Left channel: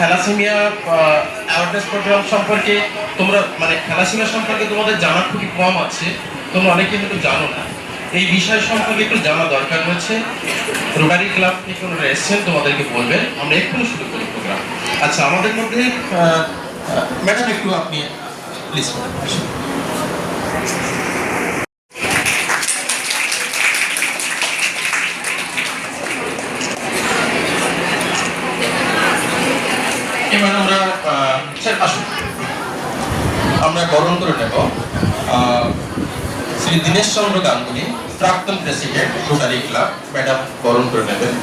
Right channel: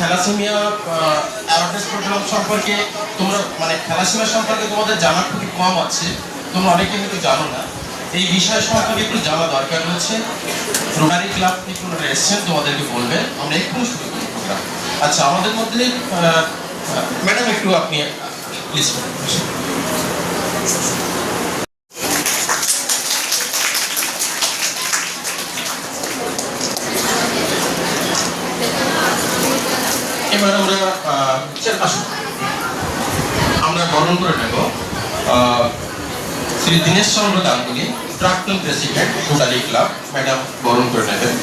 Thalassaemia awareness programme সম্পর্কে তোমরা মানে থ্যালাসেমিয়া সম্পর্কে তোমাদের জানা খুবই কম আছে, তোমরা অনেকে হয়তো জানো না। এই বিষয় সম্পর্কে একটু জানা দরকার রয়েছে। রোটারি ক্লাব থেকে ওনারা এসেছেন, তোমাদেরকে বলবেন। আমরা এক্ষুনি শুরু করি প্রোগ্রাম। আচ্ছা, আমাদের মধ্যে ম্যাডাম একটু আপনি প্লিজ এবার আমরা বরণ করে নেব শ্রী দীনেশ চন্দ্র গাঙ্গুলি, প্রাক্তন প্রেসিডেন্ট রোটারি ক্লাব। ম্যাডাম বরণ করে নেবেন।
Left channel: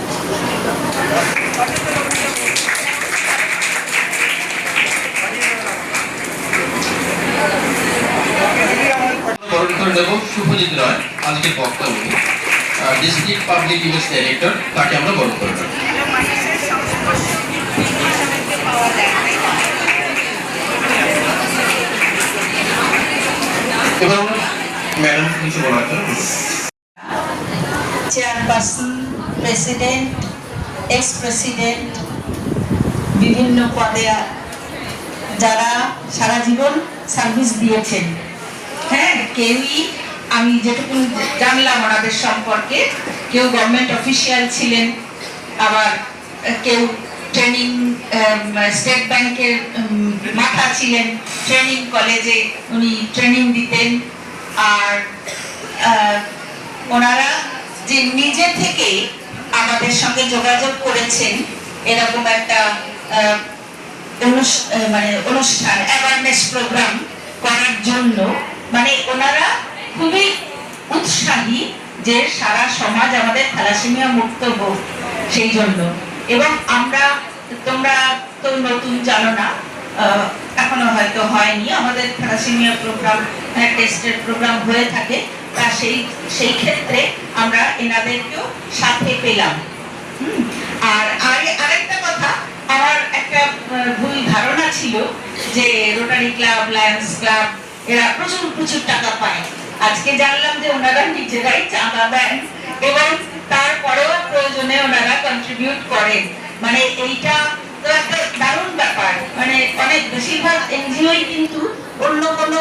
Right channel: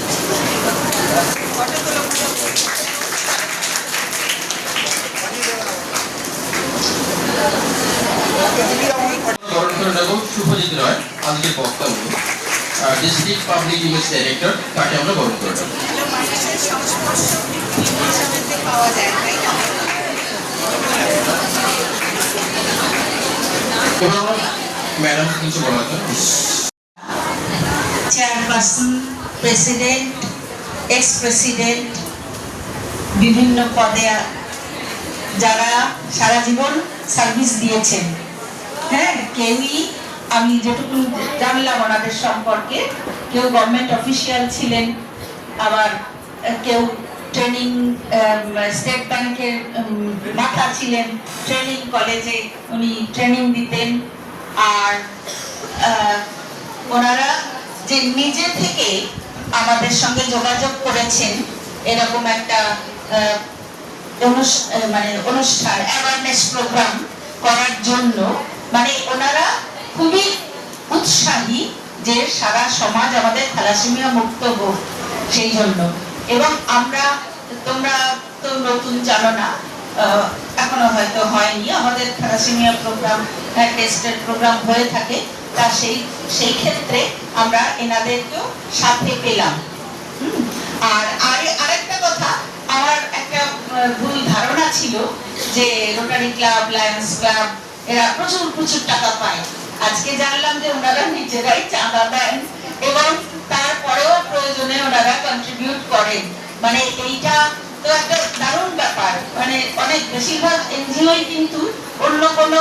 বরণ করে নেব শুভজিৎ রায়, আজকের বক্তা উনি ডিস্ট্রিক্ট পাবলিক ইমেজ ডাইরেক্টর, তাকে আমরা বরণ করে নেব। চেয়ারপারসন, প্রেসিডেন্ট, এক্স প্রেসিডেন্ট, বিভিন্ন পদে যারা সারা জীবন সার্ভিস দিয়েছেন, হ্যাঁ, কেউই আমি যেটুকু জানলাম ওনাদের সম্পর্কে, কেউ গভর্নমেন্ট অফিসিয়াল ছিলেন, আবার কেউ ট্রেনিং স্টেট ব্যাংকের মাথা ছিলেন, ট্রেনিং কলেজে উনি ট্রেনিং দিতেন। আর ওনারা যে নিজে থেকে আমাদের সঙ্গে যোগাযোগ করেছেন এরকম একটা অনুষ্ঠান অ্যাওয়ারনেস প্রোগ্রাম করার জন্য, মানে ওনারা খুবই উৎসাহী যে সারা সমাজ আমাদের থ্যালাসেমিয়া মুক্ত হোক সেই জন্য। এবং আমরা, তোমরা তো নতুন জানো না, এখনো হয়তো হয়নি, আমাদের থ্যালাসেমিয়া প্রোগ্রাম টেস্টের প্রোগ্রাম হয়ে থাকে, তা সেই ক্ষেত্রে আমরা এনাদেরকেও সাথে পেলাম। আর আরেকটা কথা, আমার একটা ভুল ধারণা ছিল যে রোটারি ক্লাব, লায়ন্স ক্লাব এরা প্রচুর টাকা পায়। আজকে জানলাম যে ওনারা নিজেরাই চাঁদা দেন এবং তারপরেও প্রয়োজনে ওনারা কন্ট্রিবিউট করেন। মানে এইটা তো একটা দারুণ ব্যাপার। মানে অনেক বেশিরভাগ এনজিওই কিন্তু অন্য কোনো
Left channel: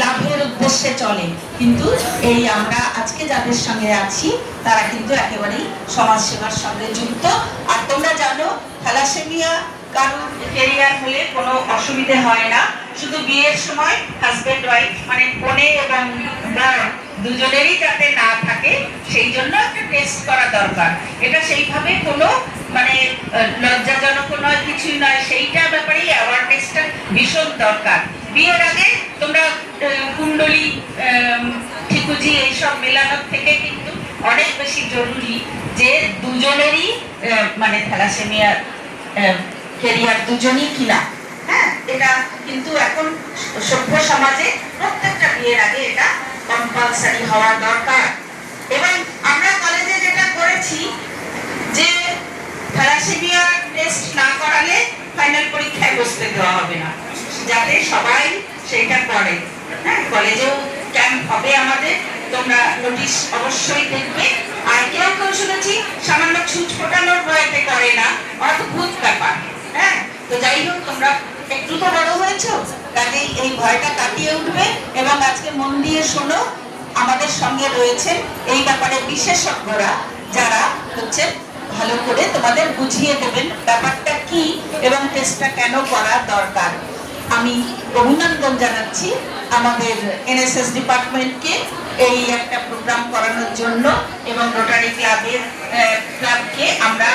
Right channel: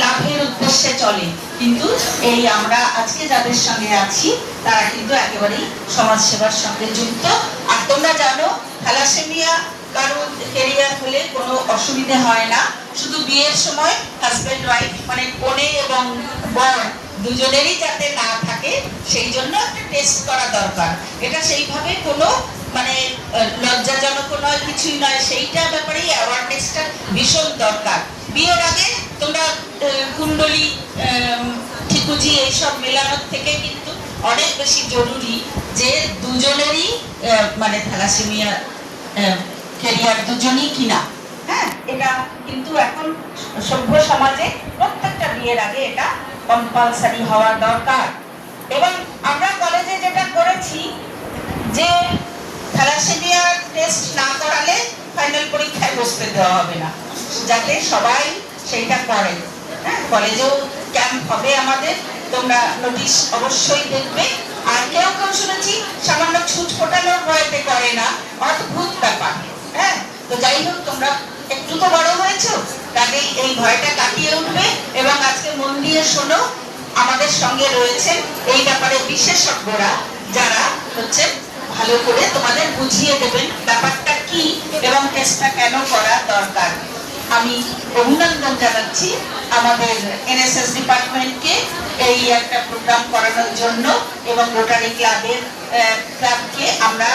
লাভের উদ্দেশ্যে চলে, কিন্তু এই আমরা আজকে যাদের সঙ্গে আছি তারা কিন্তু একেবারেই সমাজ সেবার সঙ্গে যুক্ত। আর তোমরা জানো থ্যালাসেমিয়া কারণ ক্যারিয়ার হলে কোনো অসুবিধে হয় না, শুধু বিয়ের সময় হাজবেন্ড ওয়াইফ মানে কনে এবং বর দুজনেরই যাতে না থাকে সেই জন্য একটা টেস্ট করা দরকার। এটা সেইভাবে কোনো মানে লজ্জাজনক নয়, কিছুই নয়, সেইটা ব্যাপারেই অ্যাওয়ারনেসটা ভীষণ দরকার। বিয়ের আগে তোমরা কুণ্ডলী, ঠিকুজি এইসব মেলানোর থেকে কিন্তু অনেক বেশি জরুরি যে দুজনেরই মানে থ্যালাসেমিয়া ক্যারিয়ার দুজনই কিনা। হ্যাঁ, এটা কিন্তু এখন সভ্য সমাজে প্রত্যেকটা বিয়ের আগে এটা কম্পালসারি হওয়া দরকার। এবং আমরা কলেজে যেটা করেছি যে থ্যালাসেমিয়া টেস্ট না করালে ফাইনাল পরীক্ষায় বসতে দেওয়া হবে না, যাতে সবাই সেইটা করে। হ্যাঁ, কলেজেও ক্যাম্প হবে আমাদের, তোমরা নোটিশ অবশ্যই দেখবে। আর কেউ শুনেছি সামান্য ছুট ফোটানোর ভয়তে করে না, অদ্ভুত ব্যাপার। হ্যাঁ, তো যাই হোক, তোমরা একটু তো বড় হয়েছো, কাজেই এই ভয়টা কাটিয়ে উঠবে। এবং আজকে মন দিয়ে শোনো, আমাদের সঙ্গে রয়েছে এই ব্যাপারে বিশেষজ্ঞরা, যারা হচ্ছে ভালো করে তোমাদের বুঝিয়ে দেবেন ব্যাপারটা কি এবং টেস্টটা কেন করা দরকার। আমি অভিনন্দন জানাচ্ছি আমাদের এনএসএস ডিপার্টমেন্টকে এই একটা প্রোগ্রাম করানোর জন্য, এবং রোটারি ক্লাবকে আমরা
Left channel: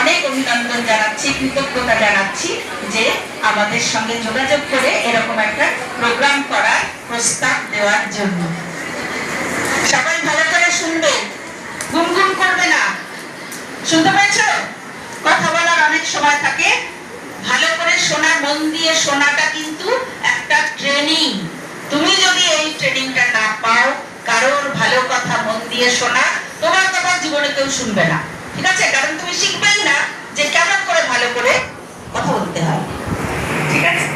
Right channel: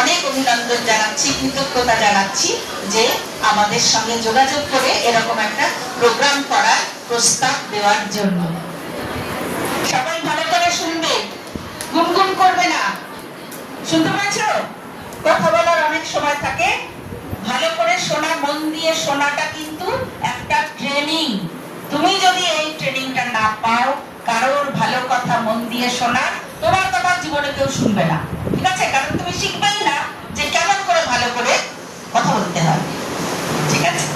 অনেক অভিনন্দন জানাচ্ছি, কৃতজ্ঞতা জানাচ্ছি যে আমাদের সঙ্গে যোগাযোগ করে এরকম একটা প্রোগ্রাম করার প্রস্তাব দেওয়ার জন্য। সবাই ভালো করে শুনবে, গুনগুন করবে না। শুনতে পেয়েছো? কথা বলার অনেক সময় থাকে, ভালো করে শোনা, মন দিয়ে শোনাটা কিন্তু একটা ট্রেনিং। তুমি যদি এই ট্রেনিংটা না পাও, কারোর ভালো কথা মন দিয়ে শোনা, তোমার কথা জীবনে কেউ শুনবে না, ঠিক আছে? কারণ তুমি শিখবেই না যে কেমন করে ভালো করে কথা বলতে হবে, ঠিক আছে?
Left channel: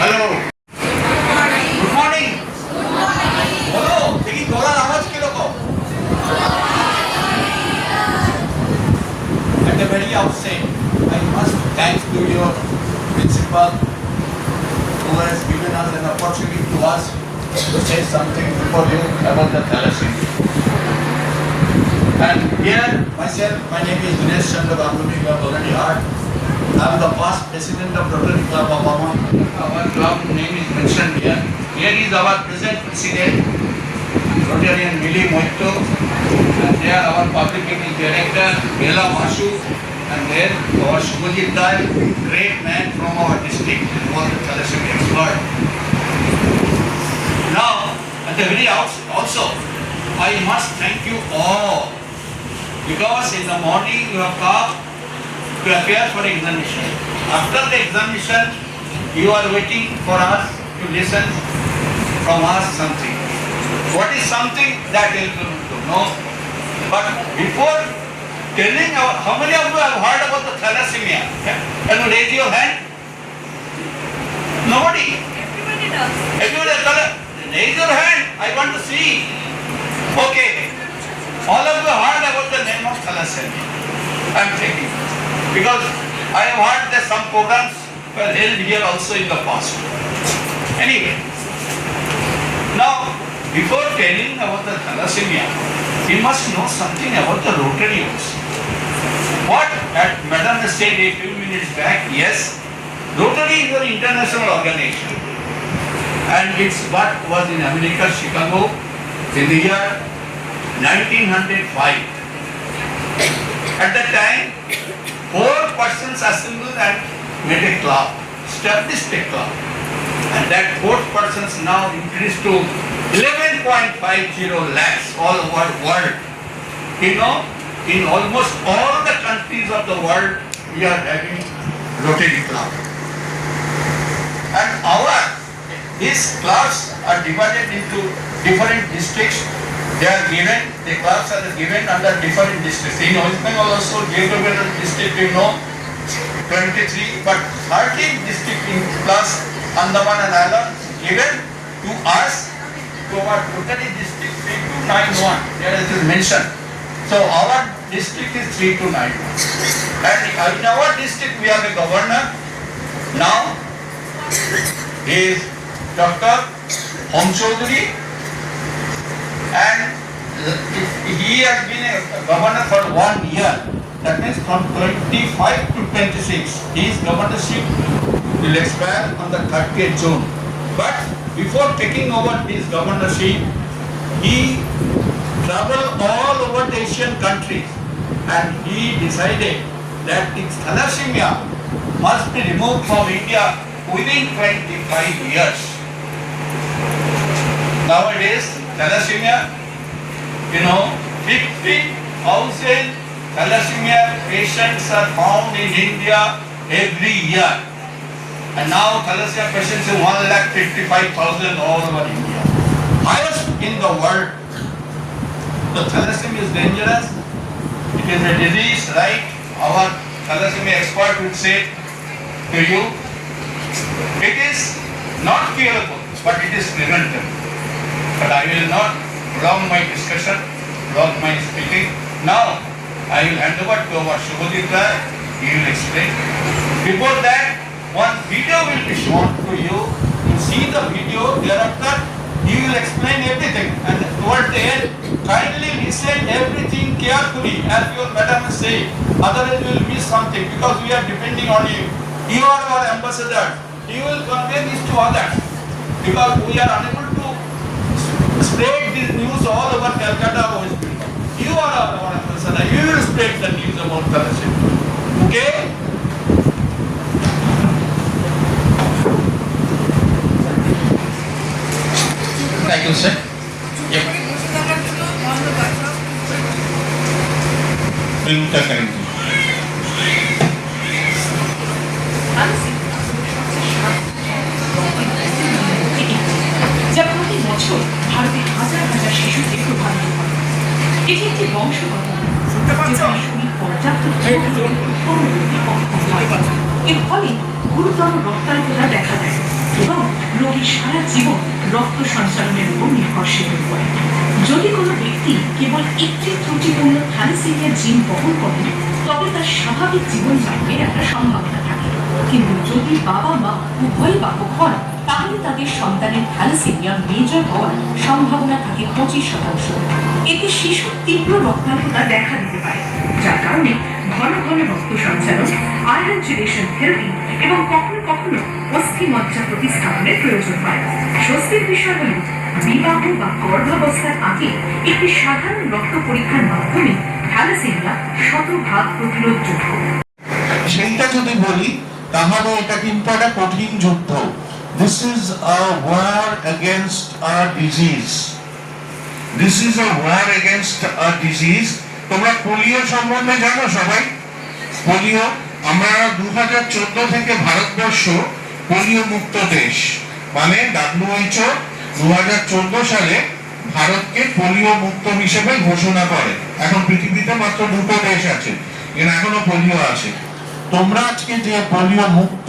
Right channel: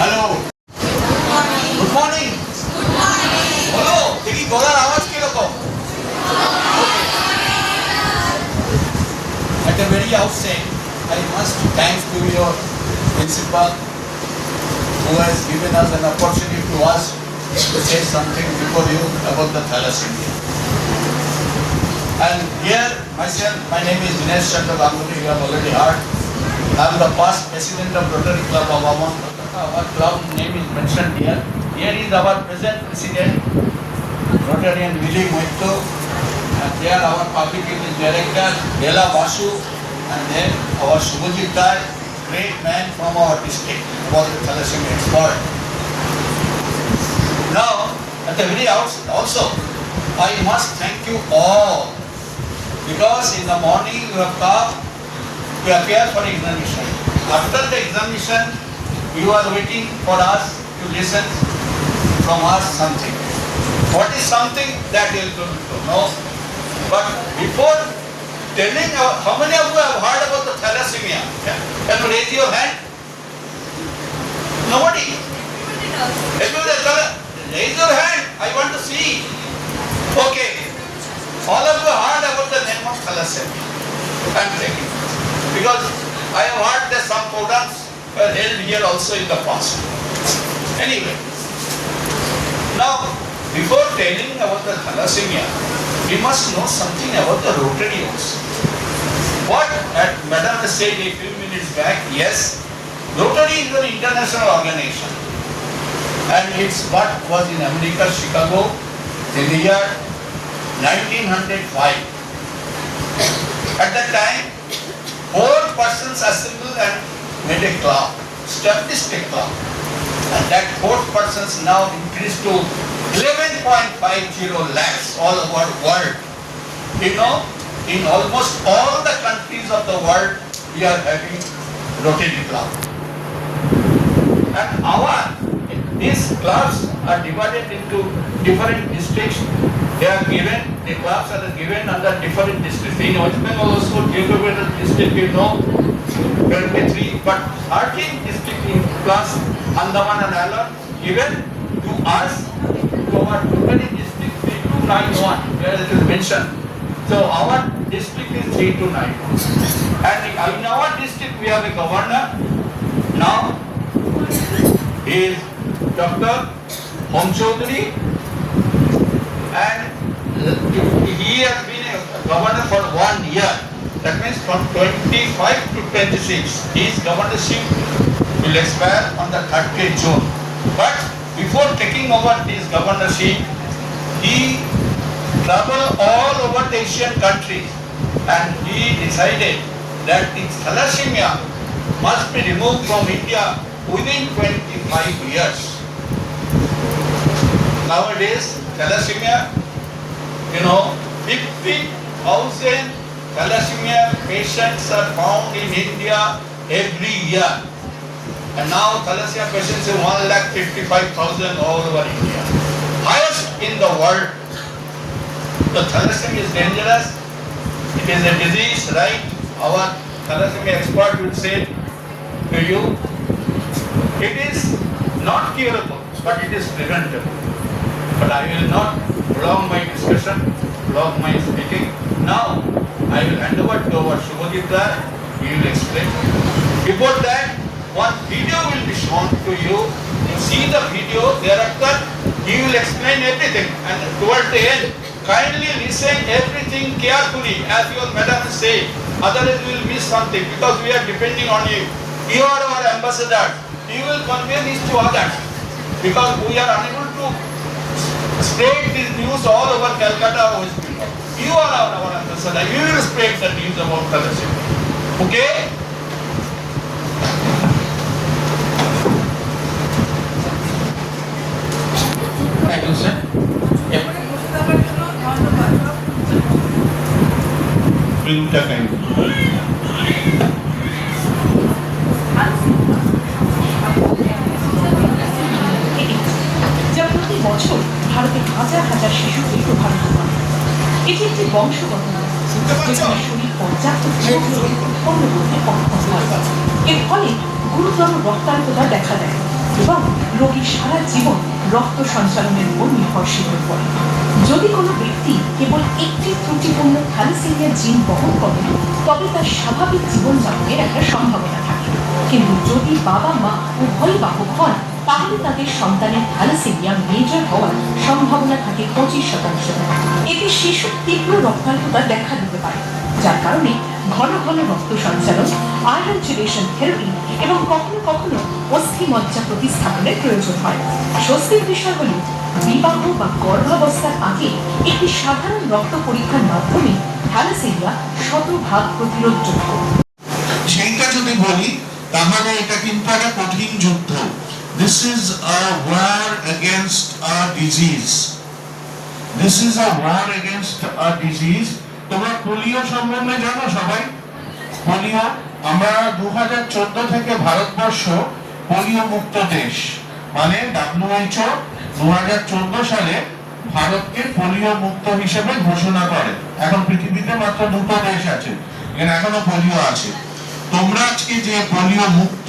Hello, good morning. বলো দেখি গলার আওয়াজ কিরকম? principal, who has given us an opportunity to us to say something before you about the thalassemia. And here, myself, my name is Dinesh Chandra Ganguly, you have already heard. I am the past president of Rotary Club of Amman. Our club name is mentioned here. Here is our present president, Rotarian Mili Moitto, and there our public English director, Bela Masu, and then our Shubhajit Rai, great man from our district, was the thalassemia expert. Now, at the very outset also, I must thank you all, because in the morning you have come to appear for examination. After the examination, you are waiting for us to listen from us something. What is something that you will know? But before telling how many of you have heard about the thalassemia? Can you raise your hand? Nobody. Everybody, raise your hand. I want to see. Okay. All of you heard about the name of thalassemia. I am taking. Because I have heard that some programs were held here also in the past. Anyway, now before telling about the thalassemia, we must know something about the Rotary also. What Madam has said a few minutes back, yes, Rotary is an international organization, and it's what was in America, Chicago, in the year 1905. At that time, 4 persons assembled and made a club, established a club. And that 4 persons now increased to 11.50 lakhs all over the world. You know, in almost all the countries of the world, we are having Rotary Club. And these clubs are divided into different districts. They are given, the clubs are given under different districts. In West Bengal also, geographical district, you know, 23, but 13 district plus Andaman and Island given to us, to our Rotary district 3291, there it is mentioned. So our district is 3291. And in our district we have a governor. Now he is Dr. Om Chaudhary, and he has been a governor for 1 year. That means from 25 to 26. His governorship will expire on the 30th June. But before taking over this governorship, he traveled all over the Asian countries, and he decided that the thalassemia must be removed from India within 25 years. Nowadays, thalassemia, 50,000 thalassemia patients are found in India every year. And now thalassemia patients are 1,55,000 all over India. Highest in the world. So thalassemia is dangerous. It is a disease, right? Our thalassemia expert would say to you, it is not curable, but it is preventable. But I will not prolong my discussion, prolong my speaking. Now, I will hand over to our Shubhajit Rai. He will explain. Before that, one video will be shown to you. You see the video, thereafter he will explain everything. And towards the end, kindly listen everything carefully, as your madam say. Otherwise we will miss something, because we are depending on you. You are our ambassador. You will convey this to others, because we are unable to spread this news all over Calcutta or West Bengal. You are our ambassador. You will spread the news about thalassemia. Okay? Thank you, sir. যা প্রতি বছর ভারতের হাজার হাজার শিশুকে প্রভাবিত করে। এটি একটি বংশগত রোগ, যেখানে শরীর পর্যাপ্ত পূর্ণরূপে অক্ষম হয়। এর ফলে গুরুতর রক্তাল্পতা দেখা দেয় এবং রোগীর সারা জীবন রক্ত সঞ্চালনের উপর নির্ভরশীল হয়ে পড়ে। যদি কোনো ব্যক্তি কেবল একটি ত্রুটিপূর্ণ থ্যালাসেমিয়া জিন বহন করেন, তবে তার স্বাভাবিক জীবনযাপনের একটা সম্ভাবনা থাকে। কিন্তু যদি বাবা মা উভয়ই বাহক হন তাহলে তাদের সন্তানের থ্যালাসেমিয়া মেজর হওয়ার সম্ভাবনা থাকে 25%। এতে শিশুর তীব্র রক্তাল্পতা দেখা দিতে পারে, যার কারণে ঘন ঘন রক্ত সঞ্চালন, আয়রন চেলেশন থেরাপি এবং কখনো কখনো অস্থি মজ্জা প্রতিস্থাপনের প্রয়োজন হয়। স্বস্তির বিষয় হল বিবাহ বা গর্ভাবস্থার আগে একটি সাধারণ রক্ত পরীক্ষার মাধ্যমে থ্যালাসেমিয়া 100% প্রতিরোধযোগ্য। সেইটা যদি বলি তাহলে এটা কিন্তু একটা কঠিন যুদ্ধ। This is a war against a disease. This is a war against a disease. তোমরা পোলিও সম্বন্ধে জানো সবাই? পোলিও, আমরা 2014 থেকে ভারতবর্ষ পোলিও মুক্ত দেশ, মানে WHO 2014 সালে ভারতকে পোলিও মুক্ত হিসেবে ঘোষণা করে। এখন পৃথিবীতে মাত্র 2টো দেশ আছে এখানে এখনো পোলিও আছে। তোমরা আজকে যে পোলিও মুক্ত,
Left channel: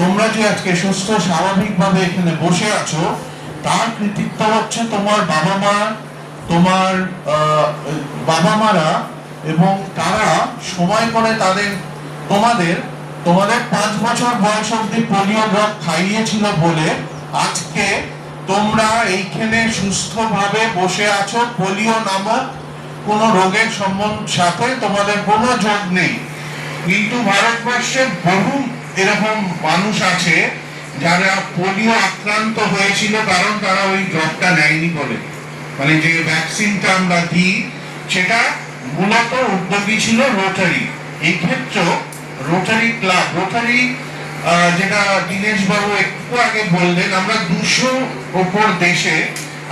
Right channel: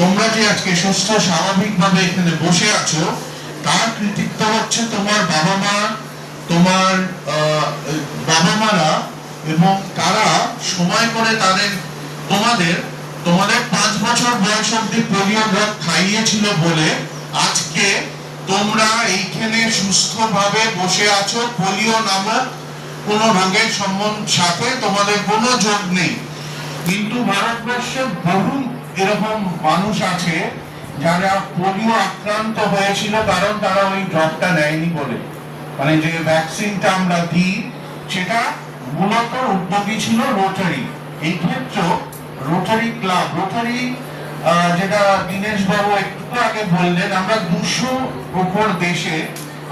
তোমরা যে আজকে সুস্থ স্বাভাবিকভাবে এখানে বসে আছো, তার কৃতিত্ব হচ্ছে তোমার বাবা মা, তোমার বাবা মারা, এবং তারা সময় করে তোমাদের 5 বছর বয়স অব্দি পোলিও ড্রপ খাইয়েছিল বলে আজকে তোমরা এইখানে সুস্থভাবে বসে আছো। পোলিও নামক কোনো রোগের সাথে তোমাদের কোনো যোগ নেই। কিন্তু ভারতবর্ষে বহু এরকম মানুষ আছে যারা পোলিও আক্রান্ত হয়েছিল কারণ তারা ওই ড্রপটা নেয়নি বলে। মানে যে ভ্যাকসিনটা আমরা দিই সেটা মূলত উদ্যোগী ছিল রোটারি। এই ক্ষেত্রে রোটারি ক্লাব, রোটারি যেটা দীনেশ বাবু একটু আগে বললেন, আমরা 200 ওপর দেশে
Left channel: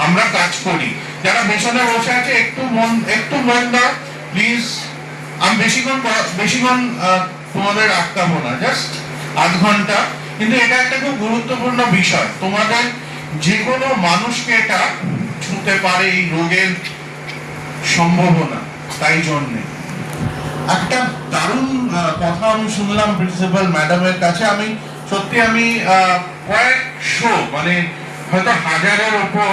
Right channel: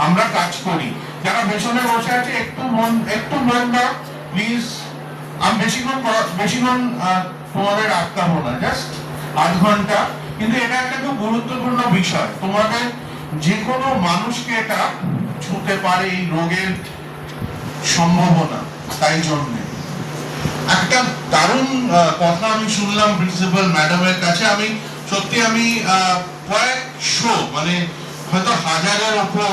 আমরা কাজ করি। যারা পেছনে বসে আছে একটু মন দাও প্লিজ। আমি বেশিক্ষণ তোমাদের আটকাবো না, জাস্ট আধ ঘন্টা। কিন্তু এটা একটা খুব গুরুত্বপূর্ণ বিষয়, তোমাদের যে কোনো মানুষকে এটা ছুঁতে পারে এই রোগের সম্ভাবনা। তাই জন্য একটা দারুণ কথা আমি শুনলাম প্রিন্সিপাল ম্যাডামের কাছে। আমি কয়েকশো, মানে হয়তো 1000-এর ওপর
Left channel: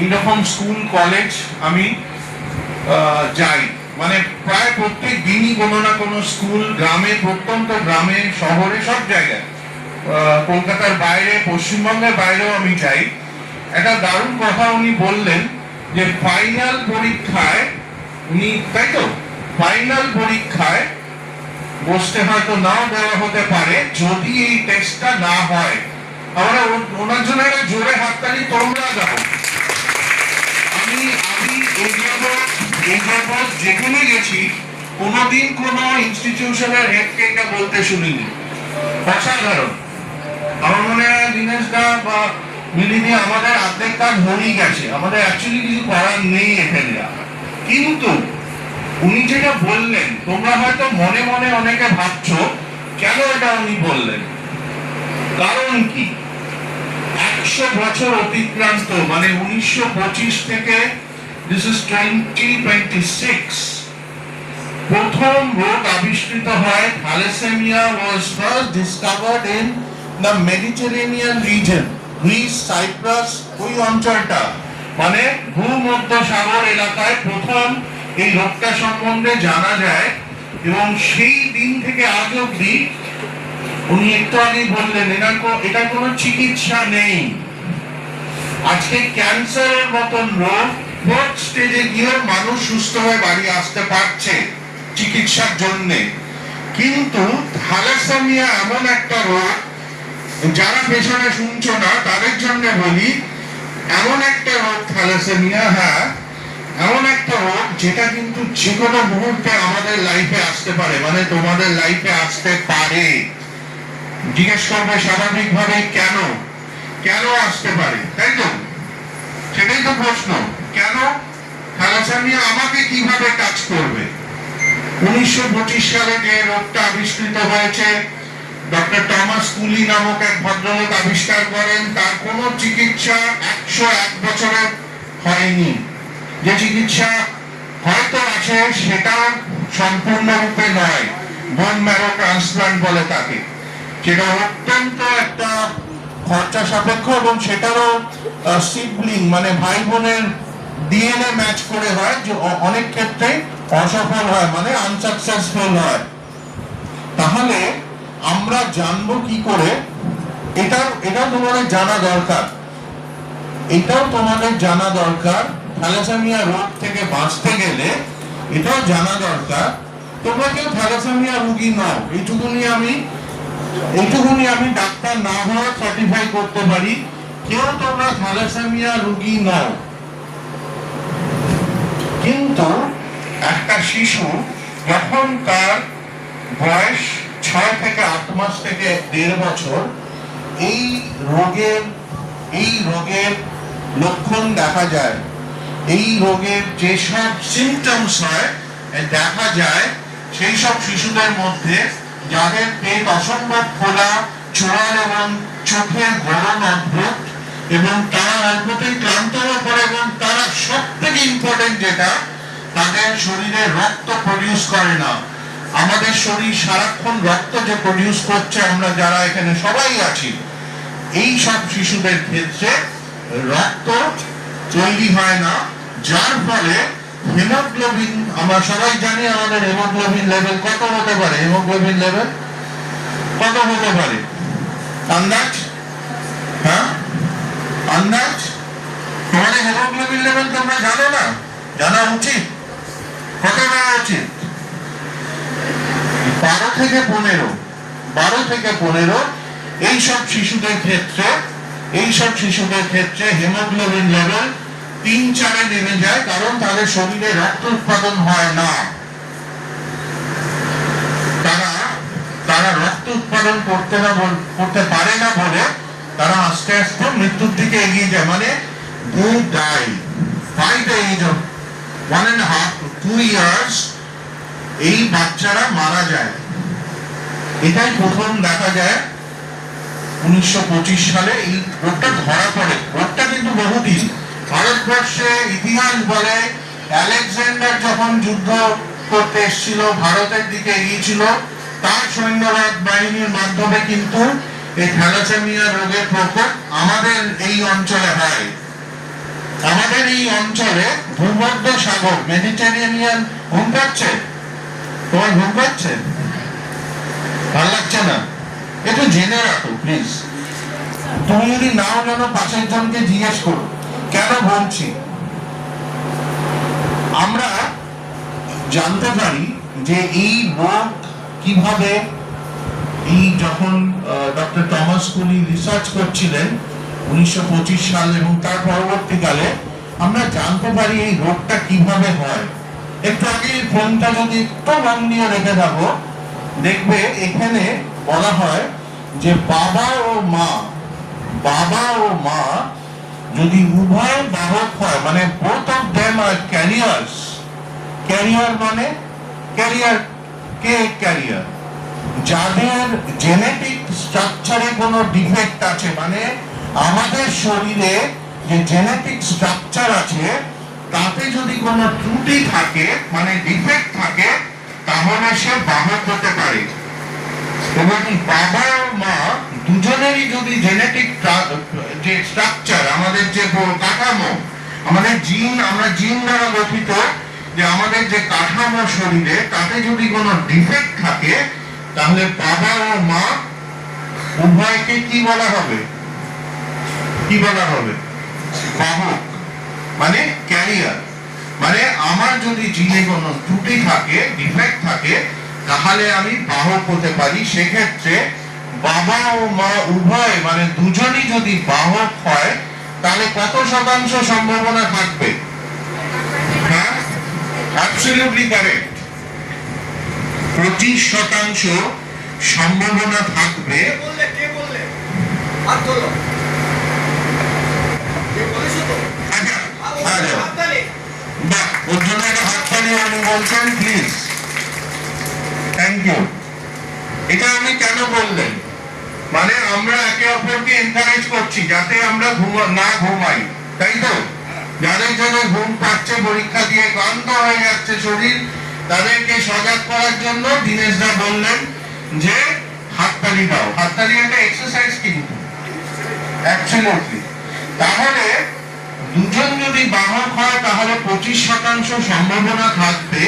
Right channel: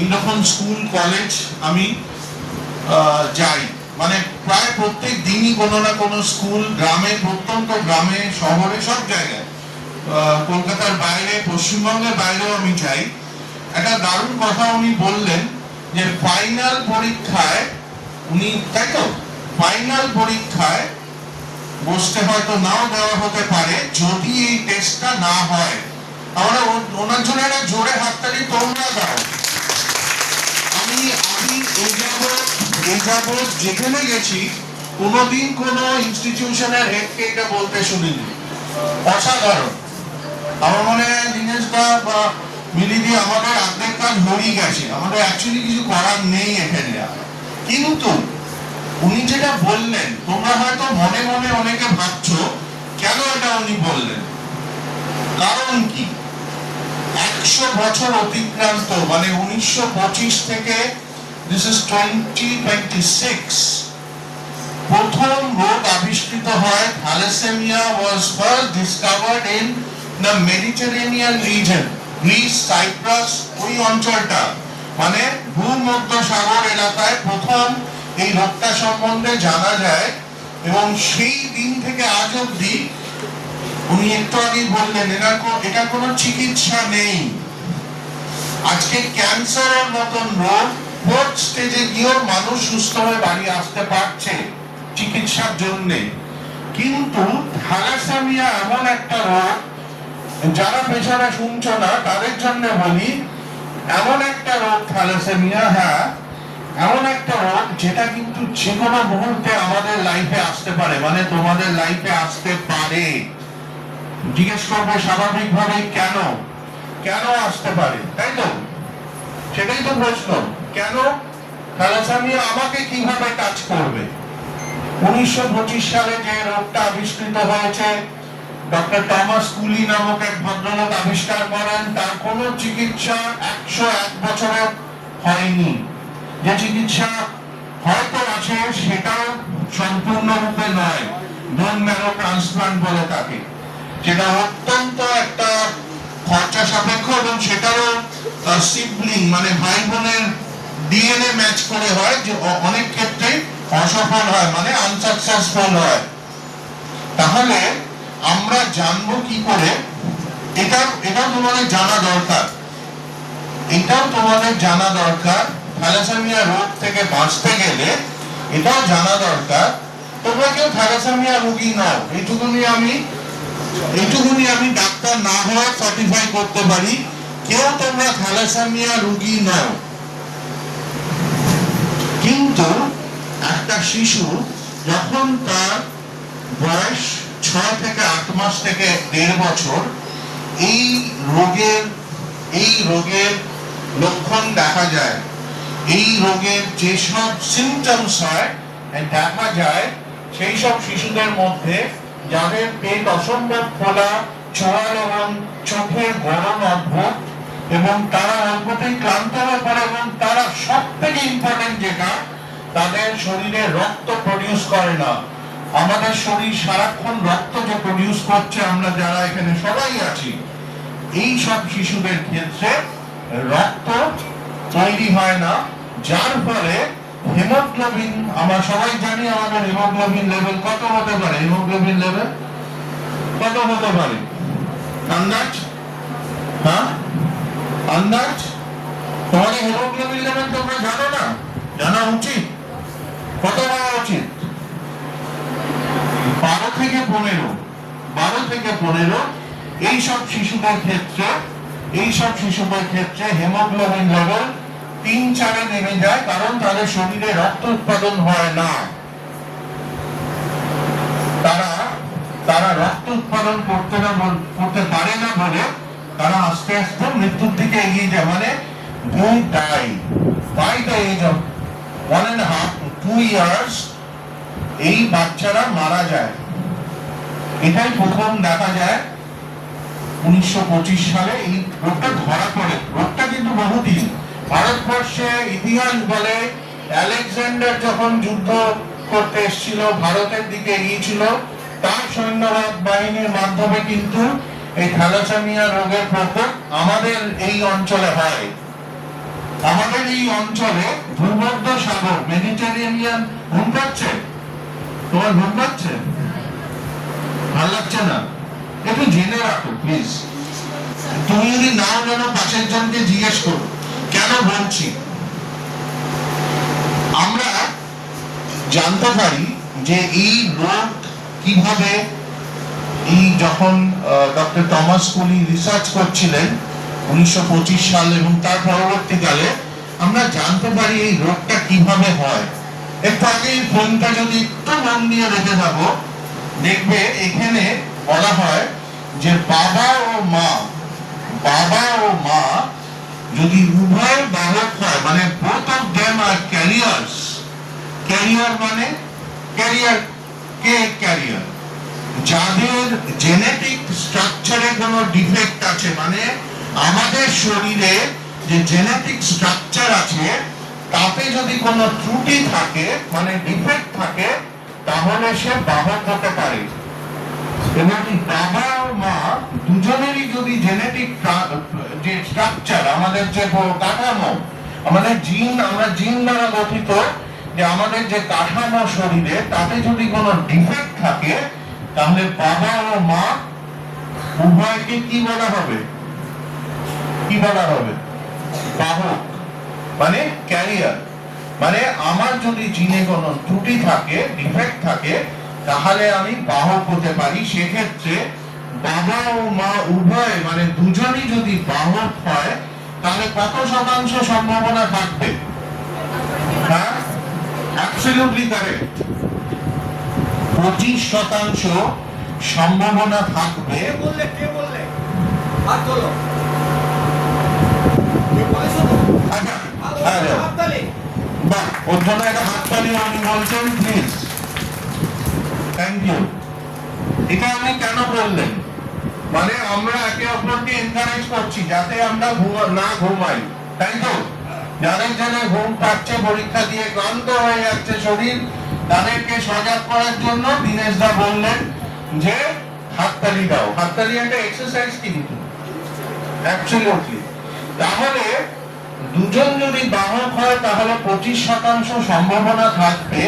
এইরকম স্কুল কলেজ আমি যাই, মানে প্রায় প্রত্যেক দিনই কোনো না কোনো স্কুল, গ্রামে, প্রত্যন্ত গ্রামে, শহরে, সব জায়গায়, কলকাতার বাইরে, পশ্চিমবঙ্গের বাইরেও আমি যাই। একটা দারুণ কথা উনি বললেন যে ফাইনাল পরীক্ষায় ফাইনাল পরীক্ষায় বসতে হয়তো নাও দেওয়া হতে পারে যদি এই টেস্টটা না হয়। আমরা ওনার জন্য একটা জোরে হাততালি তোমরা দাও। আমি এই যাবৎ যেখানে গেছি কোনোদিন কোনো ইনস্টিটিউশনের হেডকে এটা বলতে শুনিনি। অসাধারণ। আমার মনে হয় দীনেশ দা বা মিলিদি আমাদের অর্ধেক কাজ হয়েই গেছে, আমাদের অ্যাকচুয়ালি কিছু করার নেই এখানে। কিন্তু উনি যেটা বললেন, তোমরা হয়তো মনে মনে অনেকে ভাবছো কেন এটা উনি বললেন, কারণ কি? 100 বছর অতিক্রান্ত, মানে 1925 থেকে this is 2026 প্রথম রোগ আবিষ্কৃত হয়। Thalassaemia was first discovered in the Mediterranean region, Greece, Cyprus, ওই অঞ্চলটা, মানে ভূমধ্য সাগর এলাকায় প্রথম এই রোগটা সম্বন্ধে জানা যায়। এবং সেই দিন থেকে আজ অব্দি, উনি একটু আগেই বললেন, এটা কোনো চিকিৎসা নেই। আজকে ক্যান্সারের মতন রোগ ফোর্থ স্টেজে গিয়েও মানুষ সুস্থ হয়ে বাড়ি আসতে পারছে চিকিৎসার জন্য। কিন্তু থ্যালাসেমিয়া এমন একটা রোগ, যারা পেছনে শুনছো না তাদের জন্য বলি, এমন একটা রোগ থ্যালাসেমিয়া, হ্যাঁ এমন একটা রোগ যেটা কিন্তু যে কোনো মুহূর্তে আমাদের লাইফে আসতে পারে, মানে তোমাদের লাইফে আসতে পারে। জিজ্ঞেস করবে স্বাভাবিকভাবে কেন আসতে পারে, তাই তো? সেটাই তো প্রশ্ন, কেন থ্যালাসেমিয়া আমাকে কিভাবে কাজ করবে? 1925 সালে যে রোগটা আবিষ্কৃত হয়েছে, ডক্টর টমাস কুলি নামক এক ভদ্রলোক আবিষ্কার করেন। তার কোনো চিকিৎসা 101 বছরে হয়নি। যে চিকিৎসা হয়তো আছে সেটা সম্পূর্ণরূপে নয়, বোন ম্যারো ট্রান্সপ্লান্ট বলে তাকে, যেটা অত্যন্ত একটা খরচা সাপেক্ষ এবং সেটারও সিবলিং, মানে ভাই বোনের ডিএনএ ম্যাচ করে হয়, যে অনেক ক্ষেত্রে অসফল হয়, মানে আনসাকসেসফুল হয়। তাহলে আমরা জানবো কি করে, এটাও তোমাদের জানা দরকার। এটাও তোমাদের জানা দরকার। থ্যালাসেমিয়া রোগ থেকে বাঁচতে গেলে এটাও জানা দরকার তোমরা কেউ থ্যালাসেমিয়া রোগী নও। এইটুকুনি আমি ডাক্তার না হওয়া সার্টিফাই করতে পারি, কেউ তোমরা থ্যালাসেমিয়া রোগী নও। কিন্তু একটা শিশু যখন তার বয়স 6 থেকে 8 মাস থেকে 1.5 বছর এই রোগের লক্ষণ দেখা যায়, এই রোগের যেসব সিমটমস হয় দেখা যায়, সেই সব শিশুদের মধ্যে যাদের পেট অসম্ভব ফোলা, চোয়াল এবং চোখের গরম অদ্ভুত, এবং তারা অল্পতেই ক্লান্ত হয়ে পড়ে, এবং তারা সব থেকে ইম্পর্টেন্ট যেটা, তাদের শরীরে রক্ত প্রডিউস করে না। আমাদের শরীর সারাক্ষণ রক্ত যে প্রডিউস করছে, আমরা যারা এখানে সবাই আছি, এই সব শিশুদের ক্ষেত্রে রক্ত তৈরি হয় না, যার ফলে হিমোগ্লোবিন, আমরা সবাই জানি আমাদের হিমোগ্লোবিন লেভেল কত হতে পারে। হিমোগ্লোবিন লেভেল কত হতে পারে আন্দাজ? হ্যাঁ, আন্দাজ? তোমাদের হিমোগ্লোবিন লেভেল তোমরা জানো না? জানা উচিত। কত হওয়া উচিত? 12 থেকে 15। এইসব শিশুদের ক্ষেত্রে হিমোগ্লোবিন লেভেল 3-4 নেমে যায়, কারণ তাদের শরীরে রক্ত উৎপাদন হয় না। তারা রক্ত উৎপাদন করতে পারে না বলে তারা আস্তে আস্তে মৃত্যুর দিকে এগিয়ে যায়। মানে they die by the age of 1.5 to 2 years এই বাচ্চারা মারা যায়। এটাই প্রথম দেখা যায় 1925 সালে এই রোগটা ধরা পড়ে। রোগটা কিন্তু বহুদিন ভারতবর্ষে ইতিহাস বলে, আলেকজান্ডার যখন যুদ্ধ করতে এসেছিল, ভারতের দিকে এগিয়েছিল, তার সৈন্যবাহিনীর বাহিনীর মাধ্যমে কিন্তু এই থ্যালাসেমিয়া রোগের প্রকোপ আমাদের এই অঞ্চলে হয়। আমাদের এই অঞ্চলে ভূমধ্য সাগর, মেডিটেরিয়ানিয়ান, ঘুম পাচ্ছে? তোমার ঘুম পাচ্ছে? ভালো লাগছে না? একটু জেনে রাখো প্লিজ। তুমি যদি নাও জানো, পাশের জনকে জিজ্ঞেস করো কেন বলছি। আমরা জানতে পারি যে এই রোগ কিভাবে, এই যখন ডক্টর টমাস কুলি রিসার্চ করছিলেন 1925 সাল এবং তার পরবর্তীকালে, আমরা জানতে পারি এই রোগটা কিভাবে হয়। একটু আগে এই ফোনটা যদি একটু মন দিয়ে রেখে থাকো, দেখবে এখানে বলা হয় যে বাবা ও মা যদি উভয় বাহক হয়, মানে both of them are carriers, career মানে ক্যারিয়ার, যাদের জেনেটিক স্ট্রাকচারে কোনো ডিফেক্ট আছে, মানে আমাদের শরীরে যে জেনেটিক স্ট্রাকচার আছে তাতে যদি কোনো ত্রুটি থাকে, মানে ডিফেক্ট থাকে, তাহলে সে বাহক হতে পারে। এবং বাবা ও মা দুজনেরই যদি জেনেটিক যে স্ট্রাকচার, আমাদের যে কাঠামো, আমাদের আমরা জিন দ্বারা গঠিত, যে আমাদের যে কাঠামো শরীরে, তাতে যদি কোনো ডিফেক্ট থাকে, তাহলে বাবা ও মা উভয়কে কি বলা হবে? বাহক, মানে ক্যারিয়ার। মানে আমার যদি জিনে কোনো ত্রুটি থাকে, ডিফেক্ট থাকে, তাহলে আমি বাহক হতে পারি। সেক্ষেত্রে বাবা ও মা উভয়, মানে দুজনই যদি বাহক হয়, তাহলে কত শতাংশ সম্ভাবনা থাকবে? হ্যাঁ, অ্যাবসলিউটলি কারেক্ট, 25% সম্ভাবনা থাকবে। বাহ, ওর জন্য একটা হাততালি উনি বলছেন, প্লিজ, থ্যাংক ইউ। এটা আপনি কেন বললেন? মানে আমরা একে অপরকে এনকারেজ করছি যাতে আমরা না ঘুমাই, তাই তো? যাদের জন্য ঘুম পাচ্ছে, পরীক্ষা দিয়ে ক্লান্ত হয়ে যাচ্ছে শরীর, তাদেরকে সজাগ করার জন্য দীনেশ দা বললেন যে হাততালি দাও। হাততালি একটা এক্সারসাইজ কিন্তু, অ্যাবসলিউটলি। তাহলে দুজন যদি বাহক হয়, তাহলে 25% সম্ভাবনা থাকবে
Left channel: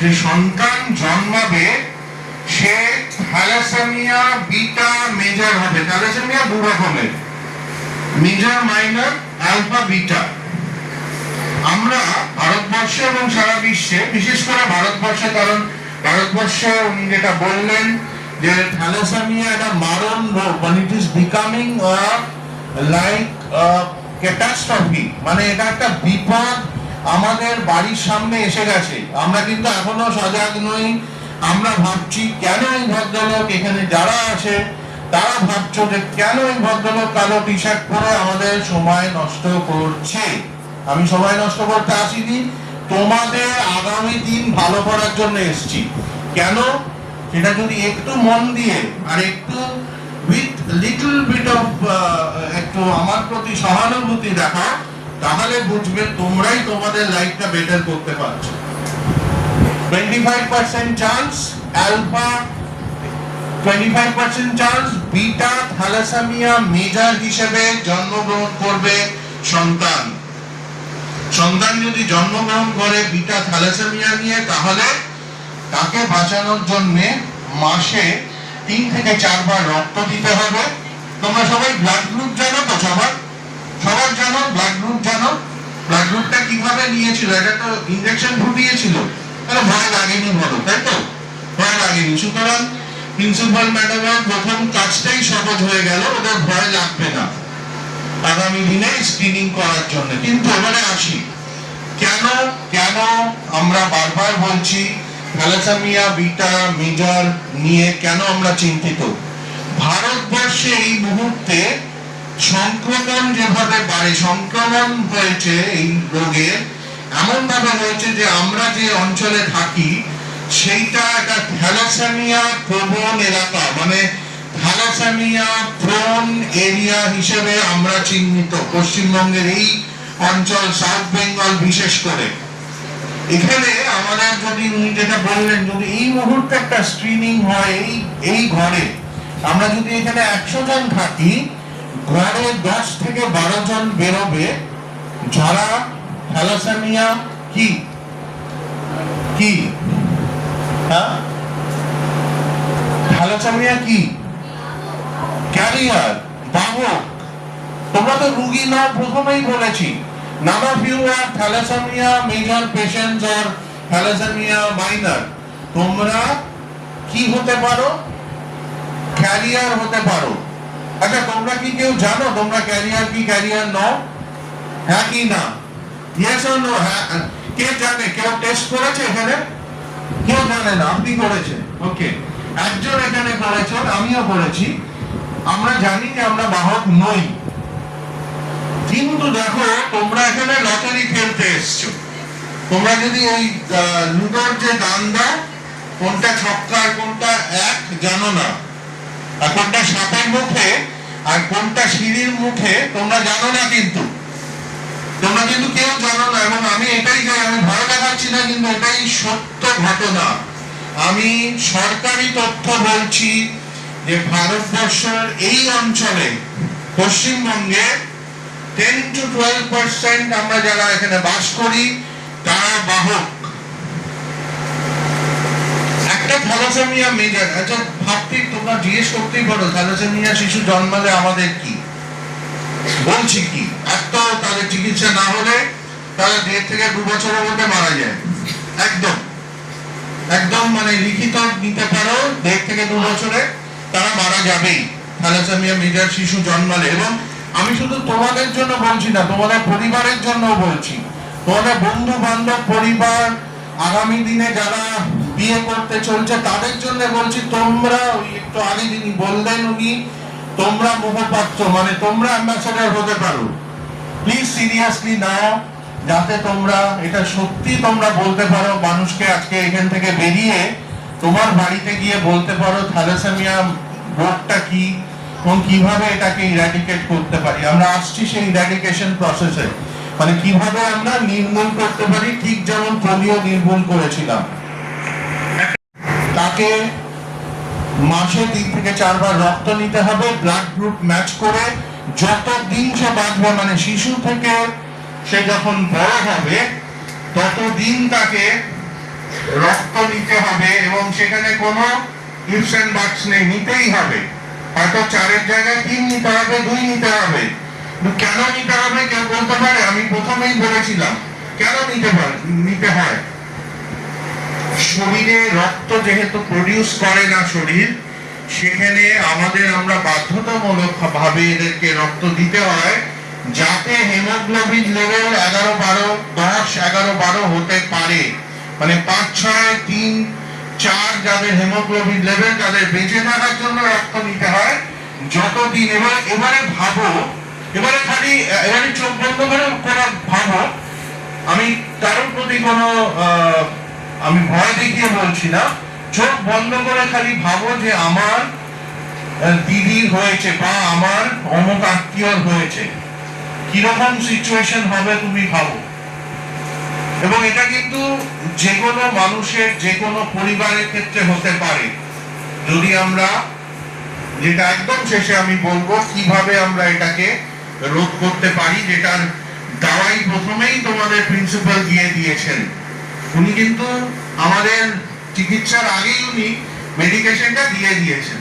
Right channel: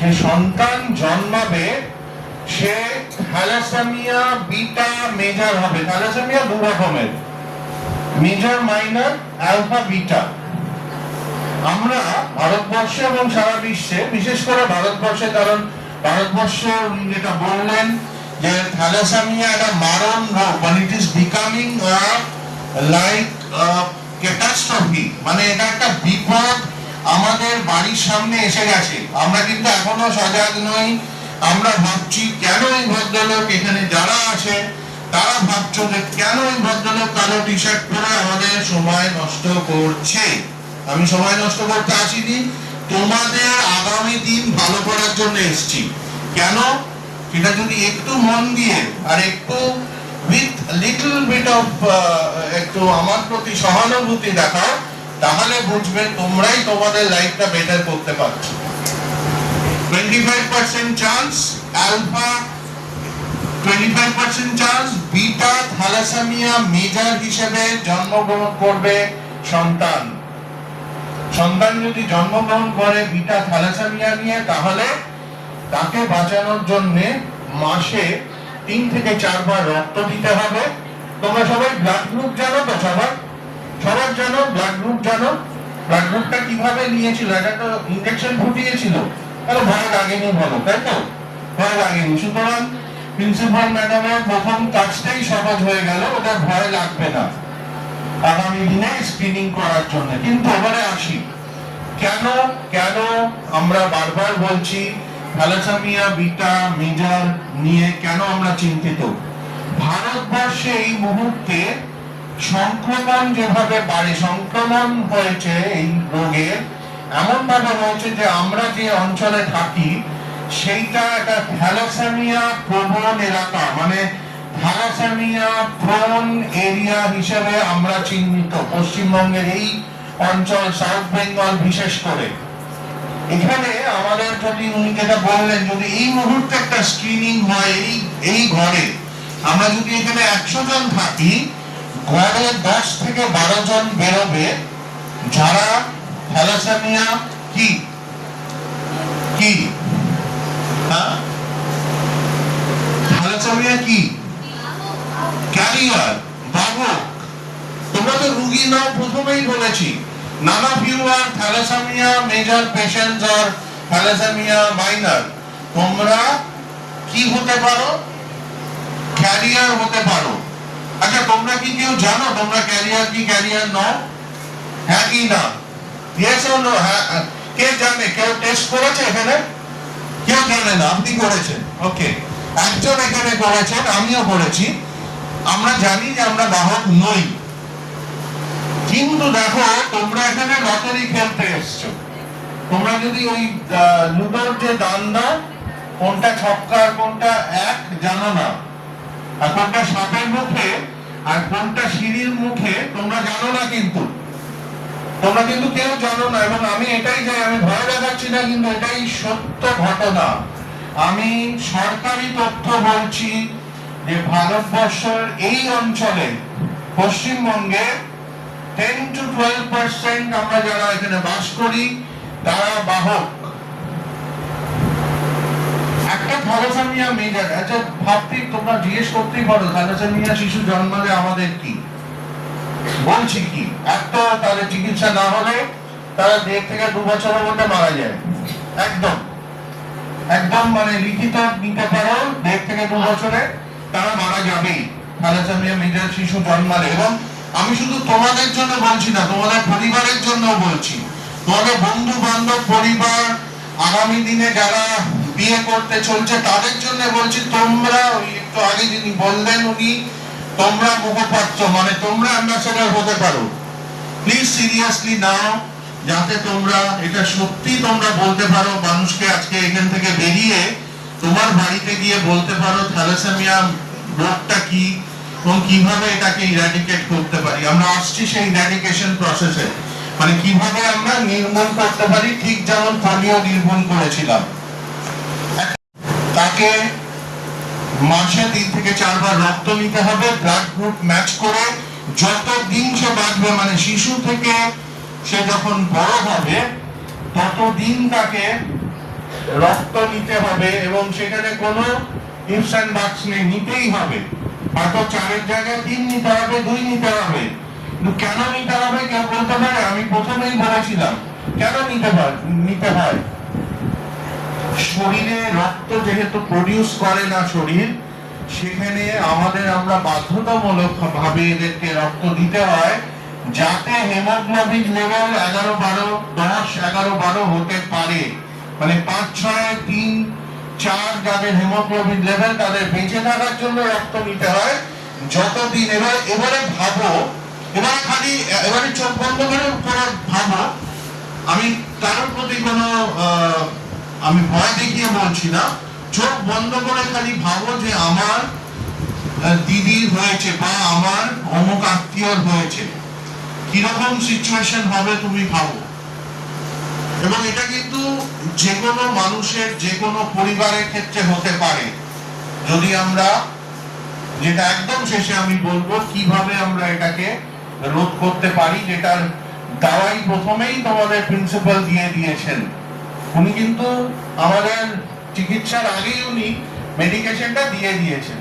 যে সন্তান জন্মাবে সে থ্যালাসেমিয়া বিটা মেজর হবে। থ্যালাসেমিয়া দু রকমের, মেজর, মাইনর, অ্যালফা, বিটা। আমরা ভারতবর্ষে এবং সারা বিশ্বে, বিশেষ করে ভারতবর্ষে, কারণ ভারতবর্ষে উনি যেটা বললেন যে থ্যালাসেমিয়া একটা মারণ রোগ, মানে it is becoming like catastrophe, মানে এটা একটা বিপদ আমাদের বাড়ির সামনে এসে গেছে। আমরা কিন্তু এখনো সজাগ নই। আমরা ভাবছি কেন এই ভদ্রলোক এখানে যারা আছে তারা ভাবছো যে কেন এই ভদ্রলোক কালো টি শার্ট পরে আমাদের সময় নষ্ট করছে। আমি সময় নষ্ট করতে আসিনি, তোমাদের আগামী দিন ভালো করার জন্য এসেছি। কেন সেটা যদি একটু মন দিয়ে আর একটু উইথ লিটল বিট অফ একটু আমার প্রতি সহানুভূতি দেখাও, তাহলে বুঝবে তোমরাই তোমাদের লাইফটা বেটার করতে পারছো। 25% chance alpha, 25% chance beta thalassaemia major হিসেবে জন্মগ্রহণ করবে সন্তান। সন্তান যদি জন্মগ্রহণ করে বিটা থ্যালাসেমিয়া নিয়ে, তাহলে তাকে বাঁচানোর জন্য মাসে 3 থেকে 4 বার রক্ত দিতে হবে। তোমরা সবাই ব্লাড গ্রুপ জানো তো? সবার জানো ব্লাড গ্রুপ? জানো ব্লাড গ্রুপটা কিভাবে নিয়েছিল? এটা তো ইনজেকশন ফুটিয়েছিল, তাহলে ভয় লাগেনি বলো, তাই তো? ভয় লাগেনি। সুতরাং প্রিন্সিপাল ম্যাডামের প্রথম কাজটাই সহজ হয়ে গেল, ওদের ভয় লাগবে না আগামী দিনে স্ক্রিনিং করার জন্য। কিন্তু এবারে আসি, কেন আমরা বারবার বলছি থ্যালাসেমিয়া বিটা মেজর নিয়ে কেন আমরা চিন্তিত? ভারতবর্ষে এই মুহূর্তে সংক্রমণ যেভাবে বাড়ে, সংক্রমণ হয়েছে এই রোগের এমন ভাবে হয়েছে যে আমরা যে অঞ্চলে থাকি সেইটা একটা থ্যালাসেমিয়া প্রবণ এলাকা, মানে থ্যালাসেমিয়া প্রোন এরিয়া হিসেবে আমরা চিহ্নিত। পশ্চিমবঙ্গের এই অঞ্চল, সাউথ বেঙ্গল বিশেষ করে, এখানে আমাদের যদি উনি যেটা বললেন, যদি এই মুহূর্তে একটা স্ক্রিনিং হয় এই ঘরে, আমরা যদি এখানে 100 জন থাকি, ঘরে 10 থেকে 12 জন বেরোবে যারা থ্যালাসেমিয়া কি হ্যাঁ থ্যালাসেমিয়া কি ক্যারিয়ার, বাহক। তোমরা তো রুগী নাও, প্রথমেই বলেছি none of you are thalassemia major patients or thalassemia minor. তোমরা কি হতে পারো? ক্যারিয়ার হতে পারো। আচ্ছা, তোমরা কি কেউ জানো তোমরা ক্যারিয়ার নাও? হ্যাঁ কি না? Yes or no? হ্যাঁ, কে জানে? কেউ টেস্ট করেছে এখানে? কেউ জানে না, আপনি করেছেন। ওকে, একজন এখানে করেছেন, আমিও করেছি। আমরা জানি যে আমরা বাহক নই, কিন্তু দেখো তোমরা এখানে লটারি খেলতে এসছো। তোমরা যদি ওই লুডোর যে দান দাও, কোনটা ছক্কা আর কোনটা এক জানো না, আর কোনটা সাপের মুখে আর কোনটা সিঁড়ির মুখে তোমরা জানো না, কিন্তু তোমরা কিন্তু কেউ জানো না। এবং আমি এটাই চাই, আমি ভয় দেখাচ্ছি না, কিন্তু এটাই সত্য ঘটনা। আমি সরকারি তথ্য বলছি যে ভারতবর্ষের এই অঞ্চলে, পশ্চিমবঙ্গে 10 to 12% আমরা যারা এখানে বাস করি তারা বাহক। একটা থ্যালাসেমিয়া মেজর, আচ্ছা ভাবতেই তোমরা জিজ্ঞেস করতেই পারো থ্যালাসেমিয়া শিশু জন্মালে আমাদের কি? বলছি কি, এত তাদের চিকিৎসা না হলে তারা 1.5 থেকে 2 বছরের মধ্যে মারা যায়। একদম মানে লিখিত নিতে পারো, 1.5 থেকে 2 বছরে তারা মারা যাবেই থ্যালাসেমিয়া মেজর শিশু জন্মালে। এবং আমি শুধু তোমাদের জন্য বলছি না, তোমাদের পরিবারের জন্য বলছি, তোমাদের বন্ধু বান্ধব, পরিবার, আগামী দিনে যারা বিয়ে করতে চলছে তাদের জন্য বলছি। তোমরা ওই একটু আগে যিনি বললেন উনি, তোমরা মুখপাত্র, মানে তোমরা অ্যাম্বাসেডর হতে পারো। প্লিজ সিরিয়াসলি নাও, যাতে তোমরা এটা সত্যি তোমরা বলতে পারো মানুষকে। আজকে এখান থেকে বেরিয়ে তোমার বাড়িতে গিয়ে বলতে পারো থ্যালাসেমিয়া রোগটা কি এবং কিভাবে এটাকে ইরাডিকেট করতে পারি। আমরা আসছি সেই ইরাডিকেশন প্রসেসে, মানে কিভাবে আমরা নির্মূল করতে পারি, ঠিক যেমন পোলিও নির্মূল করেছিলাম। তাকে মাসে 3 থেকে 4 বার রক্ত নিতে হবে, ব্লাড গ্রুপ ম্যাচ করে। যতদিন সে বাঁচবে, মানে শিশু থেকে সে যখন বড় হবে ততদিন তাকে রক্ত নিতে হবে। এবং সেখানে কোনো ইফস অ্যান্ড বাটস নেই, নিতেই হবে। হয়তো 4-এর জায়গায় 3 নিতে হবে, 2 নিতে হবে। কিন্তু কেন নিতে হবে কেউ বলতে পারে? আমি প্রথমেই বলেছিলাম কেন নিতে হয়। শরীরে রক্ত যেহেতু প্রডিউস করে না শরীর, সেখানে আমরা বাধ্যতামূলক ভাবে এদেরকে রক্ত দিতে হয়, যাতে হেমোগ্লোবিন লেভেল 11, 12, 10, 11, 12 হতে পারে। মানে 5, 6, 3, 4 যাদের হেমোগ্লোবিন লেভেল, তাদের বেঁচে থাকার জন্য রক্ত নিতে হয় যতদিন। এবারে ভাবো, এবারে চোখ বন্ধ করে ভাবো, আমি কারোর প্রতি কোনো আমি ভয় দেখিয়ে বলছি না, চোখ বন্ধ করে খালি ভাবো যে আমার দিদি হয়েছে বা আমার অমুক আত্মীয় হয়েছে, কিরকম সিচুয়েশন হবে তুমি ভাবো। এবং এটা কিন্তু যে কোনো মানুষের, যে কোনো পরিবারের ক্ষেত্রে হতে পারে। যদি আমরা, যেটা একদম শেষে আমি বলবো কিভাবে আমরা এটাকে রোধ করতে পারি, যেটার দাওয়াই প্রথমেই তোমাদের প্রিন্সিপাল দিয়ে দিয়েছেন। উনি কিন্তু আমাদের চিকিৎসার আগেই উনি মেডিকেশনটা দিয়ে দিয়েছেন,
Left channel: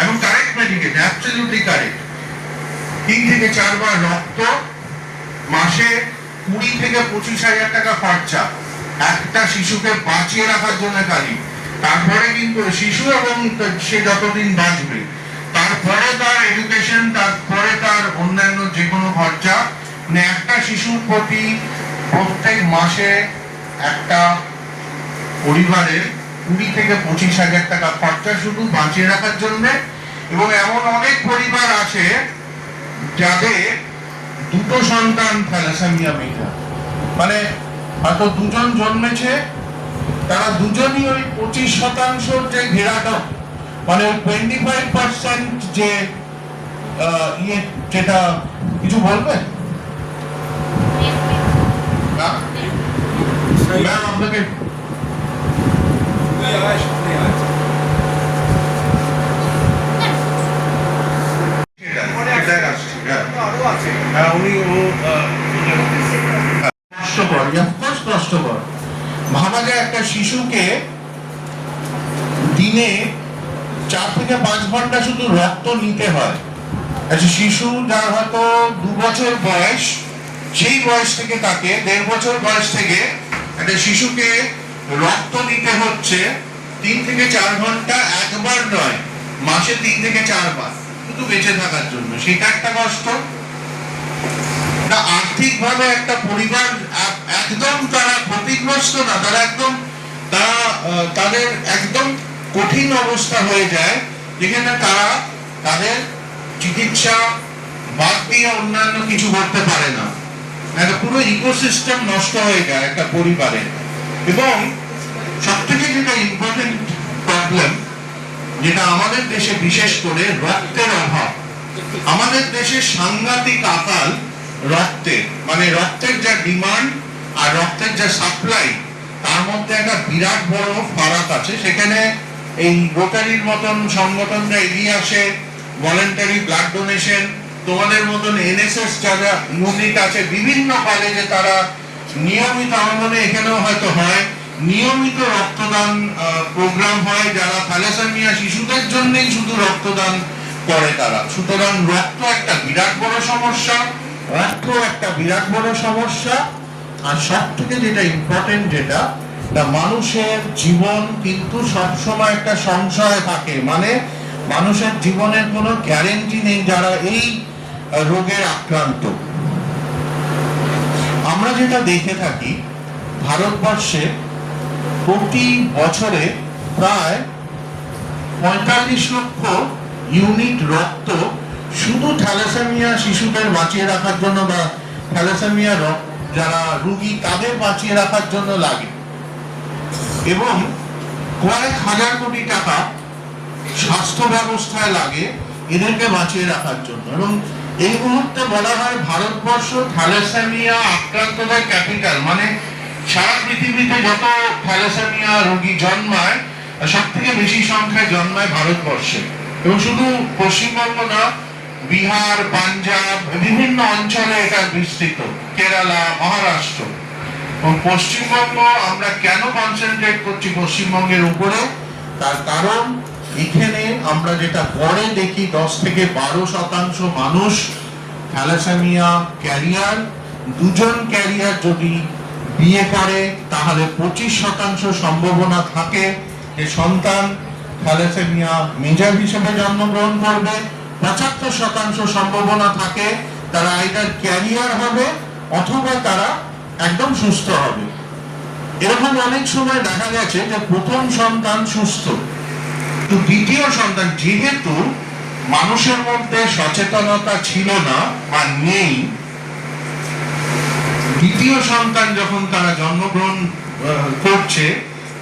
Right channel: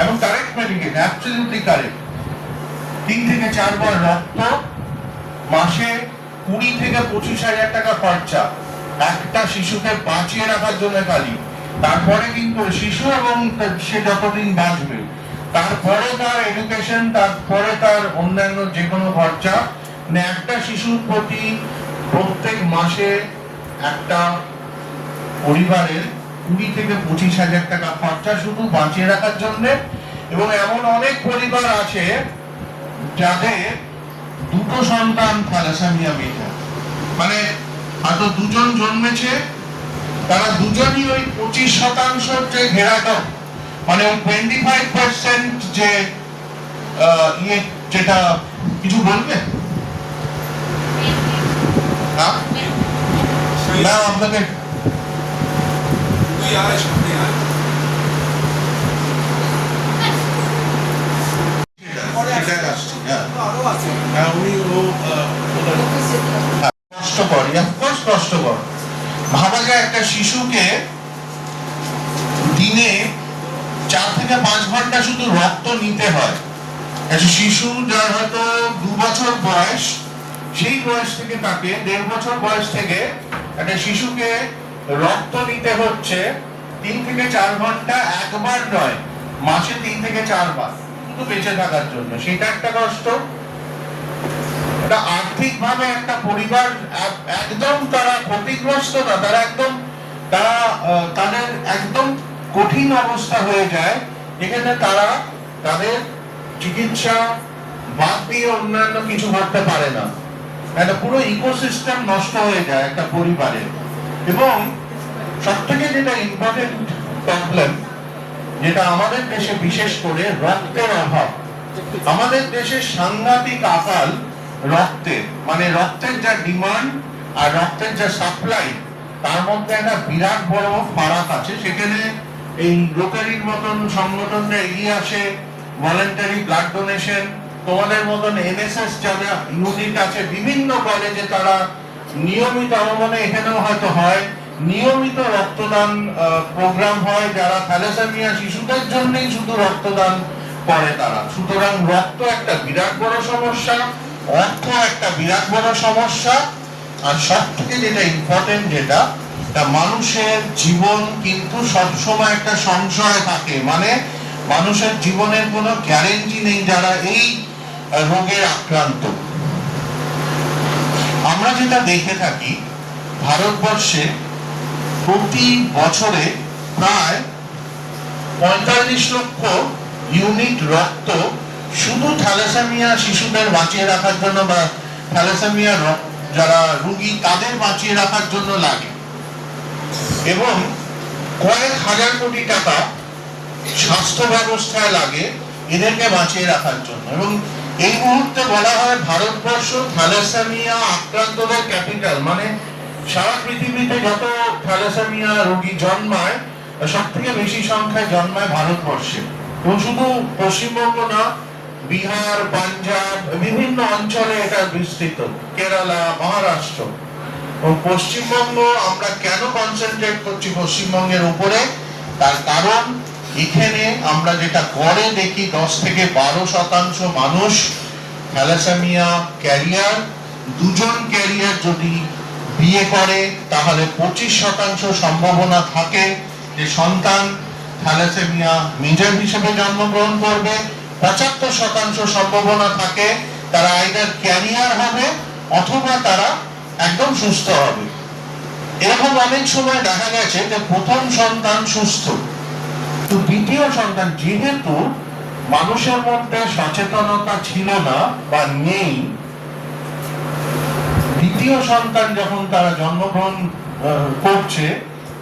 এবং কারেক্ট মেডিকেশন, অ্যাবসলিউটলি কারেক্ট। 3 থেকে 4 বার রক্ত, মাসে 20 থেকে 25,000 টাকা খরচা একটা শিশুকে বাঁচিয়ে রাখার জন্য খালি। তারপরে কিন্তু শিশু এবং সে যতদিন বাঁচবে, তারপরে তার এডুকেশন, তারপরে তার অন্যান্য যে কোনো খরচা। মানে একটা শিশুর প্রতি প্রত্যেক মাসে একটা পরিবারের 20 থেকে 25,000 টাকা খরচা শুধু বাঁচিয়ে রাখার জন্য। এবং এমন অনেক পরিবার আছে যাদের 2 সন্তান থ্যালাসেমিয়া মৃত, মানে হয়তো 2 জন জন্মেছে, তারা দুজনই ওই 25% যে ঘেরাটা, মানে ওই 25% যে যেটা, কিছু বলবে না আপনাকে? কষ্টকর ভাবা যায় একটা শিশুকে দিনে 4 থেকে 5 ঘন্টা শুধু রক্ত নিতে হয়। একটা শিশু যার হয়তো 2 বছর বয়স, সেই বয়স থেকে তাকে 1.5 বছর বয়স থেকে একটা শিশুকে রক্ত নিতে হচ্ছে 3 থেকে 4 ঘন্টা, একবার নয়, মাসে 3 থেকে 4 বার, শুধু বেঁচে থাকার জন্য। সেটা একটা কষ্ট। আর্থিক ভাবে একটা পরিবার একদম তারা ক্ষতিগ্রস্ত না, তাদের একদম কঠিন অবস্থা হয়ে যায়, যেখানে তারা তাদের চিকিৎসা বাদ দিয়ে অন্যান্য কিছু করতে পারে না। একটা পুরো ইকোসিস্টেম নষ্ট হয়ে যায় একটা পরিবারে। এবং সব থেকে যেটা ইম্পর্টেন্ট প্রবলেম, যেটা আমাদের দেশে বিশেষ করে, রক্তের অভাব। আমাদের দেশে সাংঘাতিক আকাল রক্তের, মানে রক্তের যা ডিমান্ড আর রক্তের যা সাপ্লাই, তার মধ্যে একটা বিরাট বড় ফারাক আছে। সেখানে এই রোটারির মতন সংগঠনরা এগিয়ে আসে, ভলেন্টারি ব্লাড ডোনেশন, তোমাদের মতন এনএসএস যারা ইউনিট আছে বিভিন্ন কলেজে, তারা নিয়মিত, আমার মনে এখানেও হয়তো হয়, নিয়মিত রক্তদান প্রোগ্রাম হয়, যারা থ্যালাসেমিয়া শিশুদের জন্যই শুধু রক্তদান করে তারা। সুতরাং রক্ত একটা বিরাট বড় সমস্যা, অর্থ একটা বিরাট বড় সমস্যা, আর সব থেকে যেটা ইম্পর্টেন্ট, যেটা মানুষের জীবন কিন্তু সবসময় একটা সংশয় থাকে। মানে মানুষের জীবনের কোনো গ্যারেন্টি নেই যারা এই রোগে আক্রান্ত। আমরা যেটা দেখে থাকি, ভারতবর্ষে প্রতি বছরে প্রায় 45 লক্ষ ইউনিট রক্ত শুধু থ্যালাসেমিয়া শিশুদের বাঁচিয়ে রাখার জন্য, বা থ্যালাসেমিয়া যারা রোগী তাদের বাঁচিয়ে রাখার জন্য লাগে। এবং কয়েক হাজার কোটি টাকা স্বাস্থ্য ব্যবস্থায় লাগে এদেরকে বাঁচিয়ে রাখার জন্য। এবং এই মুহূর্তে বলা হয় ভারতবর্ষ থ্যালাসেমিয়া আক্রান্তদের ক্যাপিটাল। মানে সারা পৃথিবীতে যত থ্যালাসেমিয়া রোগী জন্মায়, সব থেকে বেশি সংখ্যায় জন্মায় ভারতবর্ষে। এবং শুধু পশ্চিমবঙ্গ না, বিহার, পাঞ্জাব, বিভিন্ন অঞ্চলে এটা বিস্তৃত, কেরালা, মহারাষ্ট্র। এবং পশ্চিমবঙ্গ, আমরা কেন কনসেন্ট্রেট করছি পশ্চিমবঙ্গের উপরে, তার কারণ এখানে আমরা যেটা গড়ে দেখি 10 থেকে 12% মানুষ থ্যালাসেমিয়া ক্যারিয়ার, দুজন ক্যারিয়ার যদি বিয়ে করে তাহলে 25% সম্ভাবনা থাকে যে সন্তান থ্যালাসেমিয়া মেজর হিসেবে জন্মগ্রহণ করবে, 75% সম্ভাবনা থাকে তারা আইদার ক্যারিয়ার হবে অথবা তারা একদম সুস্থ হবে। এরকম অনেক সময় দেখা গেছে যে প্রথম সন্তান সুস্থ, তো দ্বিতীয় সন্তান যেহেতু মানুষের মধ্যে সচেতনতা ছিল না বা নেই, দ্বিতীয় সন্তান যখন তারা জন্মগ্রহণ করছে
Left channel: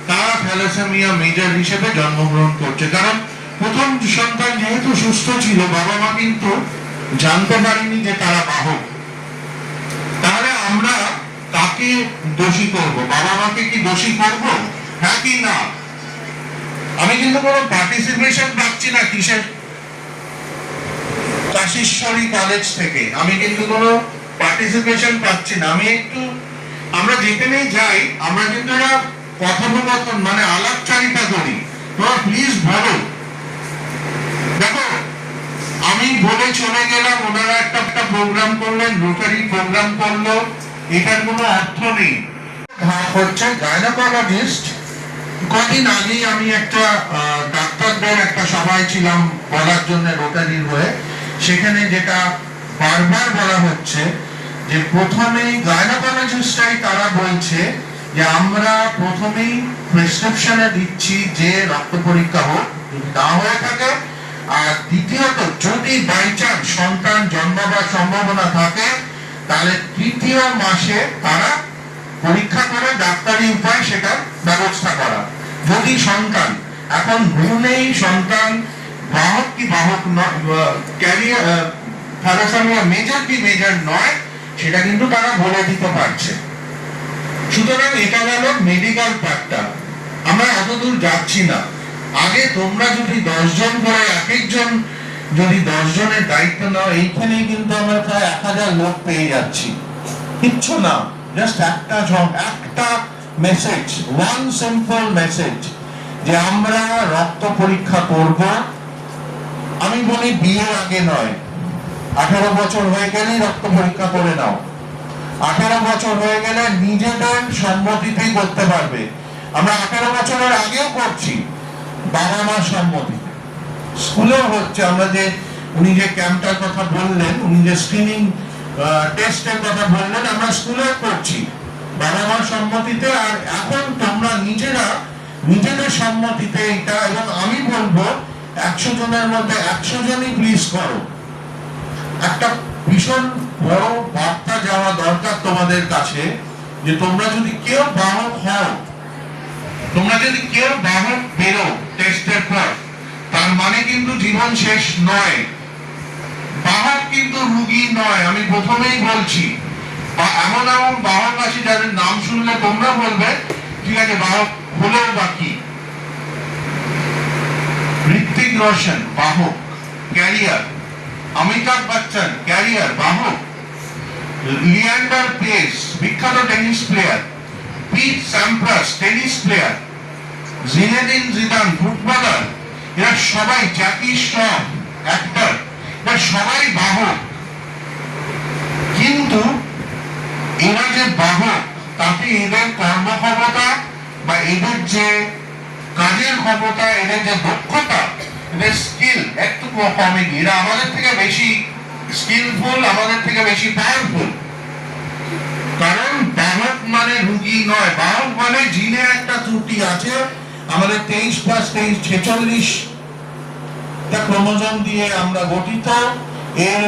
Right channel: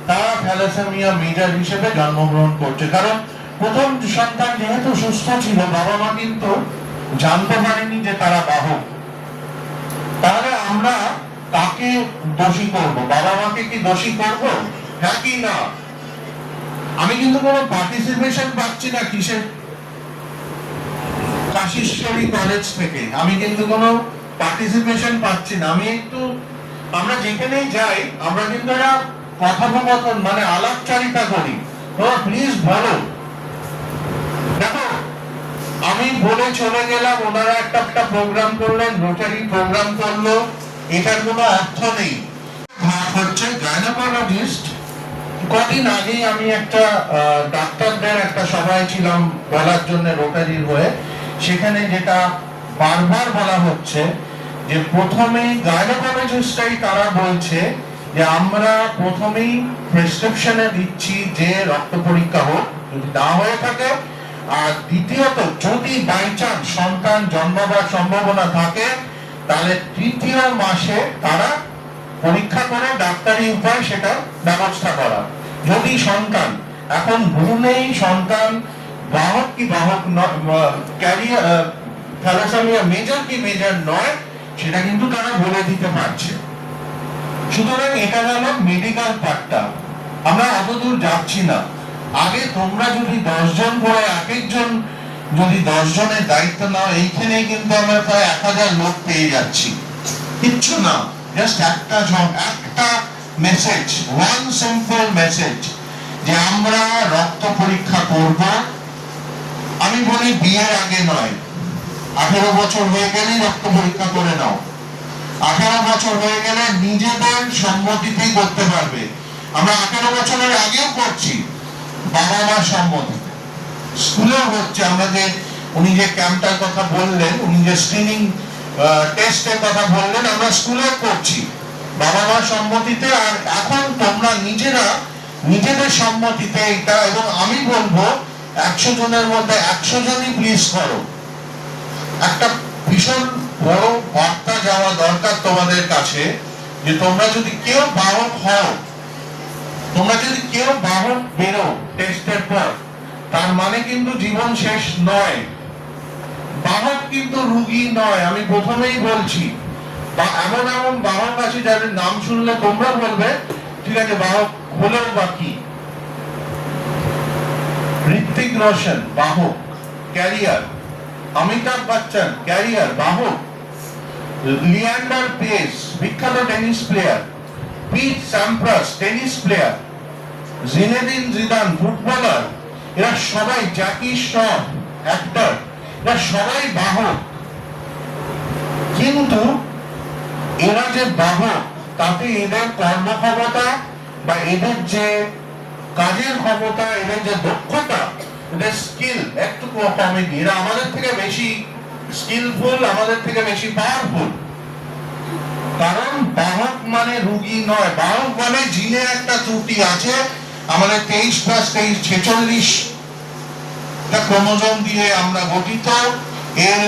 তারা থ্যালাসেমিয়া মেজর হিসেবে জন্মগ্রহণ করছে। কারণ প্রথম সন্তান যেহেতু সুস্থ ছিল, বাবা মা কিন্তু জানতে পারেনি যে তারা বাহক। তাহলে আমরা কাকে দোষী করব? বাবা মাকে কি দোষী করব? হ্যাঁ কি না? আমি কিন্তু কোনো পার্টিসিপেশন পাচ্ছি না কিসের, কাশীশ্বরী কলেজ থেকে আমি কিন্তু কোনো পার্টিসিপেশন পাচ্ছি না। আমি একটু, আমরা যেখানেই যাই আমরা কিন্তু একটা কথোপকথন মানে আলাপচারিতা করি, তোমরা প্লিজ বলো। দেখো আমি বলে চলে গেলাম, ওনারা একটা প্রোগ্রাম করলেন, রোটারি প্রোগ্রাম করলো, এটার কোনো অর্থ নেই। হচ্ছে গাইনোকোলজিস্ট, কদিন আগেই আমি একটা ডাক্তারদের একটা সভায় ছিলাম বলার জন্য রোটারির হয়ে, সেখানে যেটা বারবার বলা হচ্ছে যে প্রথমেই গাইনোকোলজিস্টরাই তারা বলছে যে আমরা প্রথমেই প্রেসক্রিপশনে দিচ্ছি যে রক্ত পরীক্ষা হোক, যদি না হয়ে থাকে, আর দ্বিতীয়ত যদি বাই চান্স সন্তান জন্মাবার সম্ভাবনা থাকে তাহলে তৃতীয় মাসে তারা পরীক্ষা করে ডাক্তারি উপায় সেটা ব্যবস্থা করা। যদি সন্তান এখন ভ্রূণেই সন্তান বাহক কি বাহক ক্যারিয়ার থ্যালাসেমিয়া মেজর কি মেজর নয় সেটা কিন্তু তারা বলে দিতে পারছে। সুতরাং এটা হলো মেডিকেল পার্টটা, আমরা অত দূর যাচ্ছি না। আগে তোমরা যদি 10 জন করে এক একজন যদি 10 জনের দায়িত্ব নাও, এইখানেই কিন্তু আমরা প্রায় 1000 লোক পেয়ে যাচ্ছি। কিচ্ছু না, জাস্ট একটা জব, একটা মেসেজ, ওয়ান সিম্পল মেসেজ যে আমরা রক্ত পরীক্ষা করব। আমি বলি বিয়ের আগে নয়, 18 বছর হয়ে গেলেই রক্ত পরীক্ষা করে নাও। 18 বছর হয়ে গেলে নিজেদের সম্মতিতেই করতে পারবে। আমরা 18 বছরের আগেও করছি বাবা মার সম্মতি, স্কুলেও হচ্ছে। আমরা যে উনি যে ক্যাম্পটার কথা বললেন, উনি যে স্ক্রিনিং টেস্টের কথা বললেন, আমরা স্কুলেও করছি বাবা মার সম্মতিতে। আর এখন তোমরা নিজেরা নিজেদের সম্মতিতে এটা, এবং আমি বলবো 100 জনের মধ্যে 100 জনই প্লিজ করো। একটা ভীষণ বড় বার্তা যাওয়া দরকার তোমাদের কাছে যে তোমরা যদি কেউ বাহক হও, তোমরা যদি কেউ বাহক বেরো টেস্টের পর, তার মানে কিন্তু জীবন শেষ নয়। বাহক কিন্তু রুগী নয়, আমি প্রথমেই বলছি। বা এমন এমন বাহক আছে যাদের নাম শুনলে তোমরা বলবে ঠিক আছে বাহক হলেও বা কি। ঋত্বিক রোশন বাহক ক্যারিয়ার, অমিতাভ বচ্চন ক্যারিয়ার বাহক, লিয়ান্ডার পেস বিখ্যাত tennis player, Pete Sampras tennis player, Zinedine Zidane footballer, এরা সবাই, জ্যাকি শ্রফ অ্যাক্টর, এরা সবাই বাহক। কিন্তু এরা যে বাহক তাতে এদের কর্মক্ষমতা বা এদের যে কাজের ক্ষমতা, এদের যে দক্ষতা, এদের স্কিল একটু কমে গিয়ে, এরা আমাদের থেকে বেশি স্কিলফুল, আমাদের থেকে বেশি পাওয়ারফুল। কারণ বাহক মানে রুগী নয়, বাহক মানে জিনে একটা ত্রুটি আছে। আমাদের 23+23 46 ক্রোমোজোম দিয়ে আমরা গঠিত। এর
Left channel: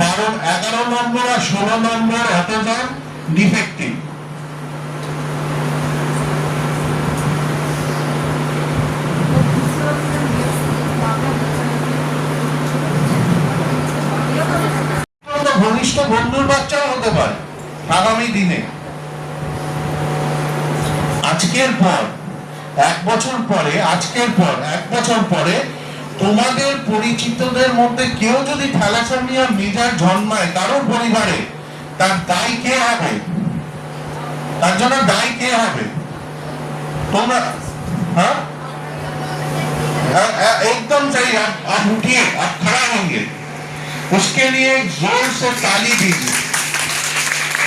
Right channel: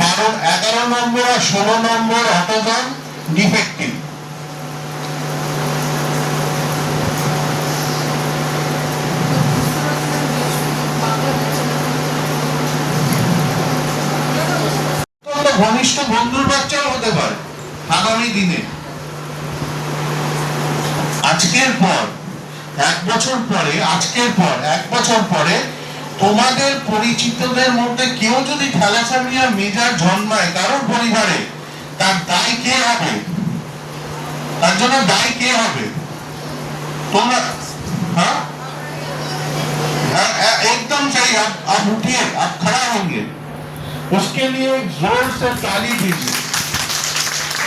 11 নম্বর আর 16 নম্বর অটোজোম ডিফেক্টিভ। ঘনিষ্ঠ বন্ধুর বাচ্চাও হতে পারে আগামী দিনে। আজকের পর 1 বছর পরে, আজকের পর 1 বছর পরে তোমাদের পরিচিতদের মধ্যে কেউ যদি থ্যালাসেমিয়া মেজর জন্মায় কারোর পরিবারে, তার দায় কে হবে? তার জন্য দায় কে হবে? তোমরা। হ্যাঁ, एकदम सही। आप उठिए, आप खड़ा होंगे, उसके लिए जोर से ताली दीजिए।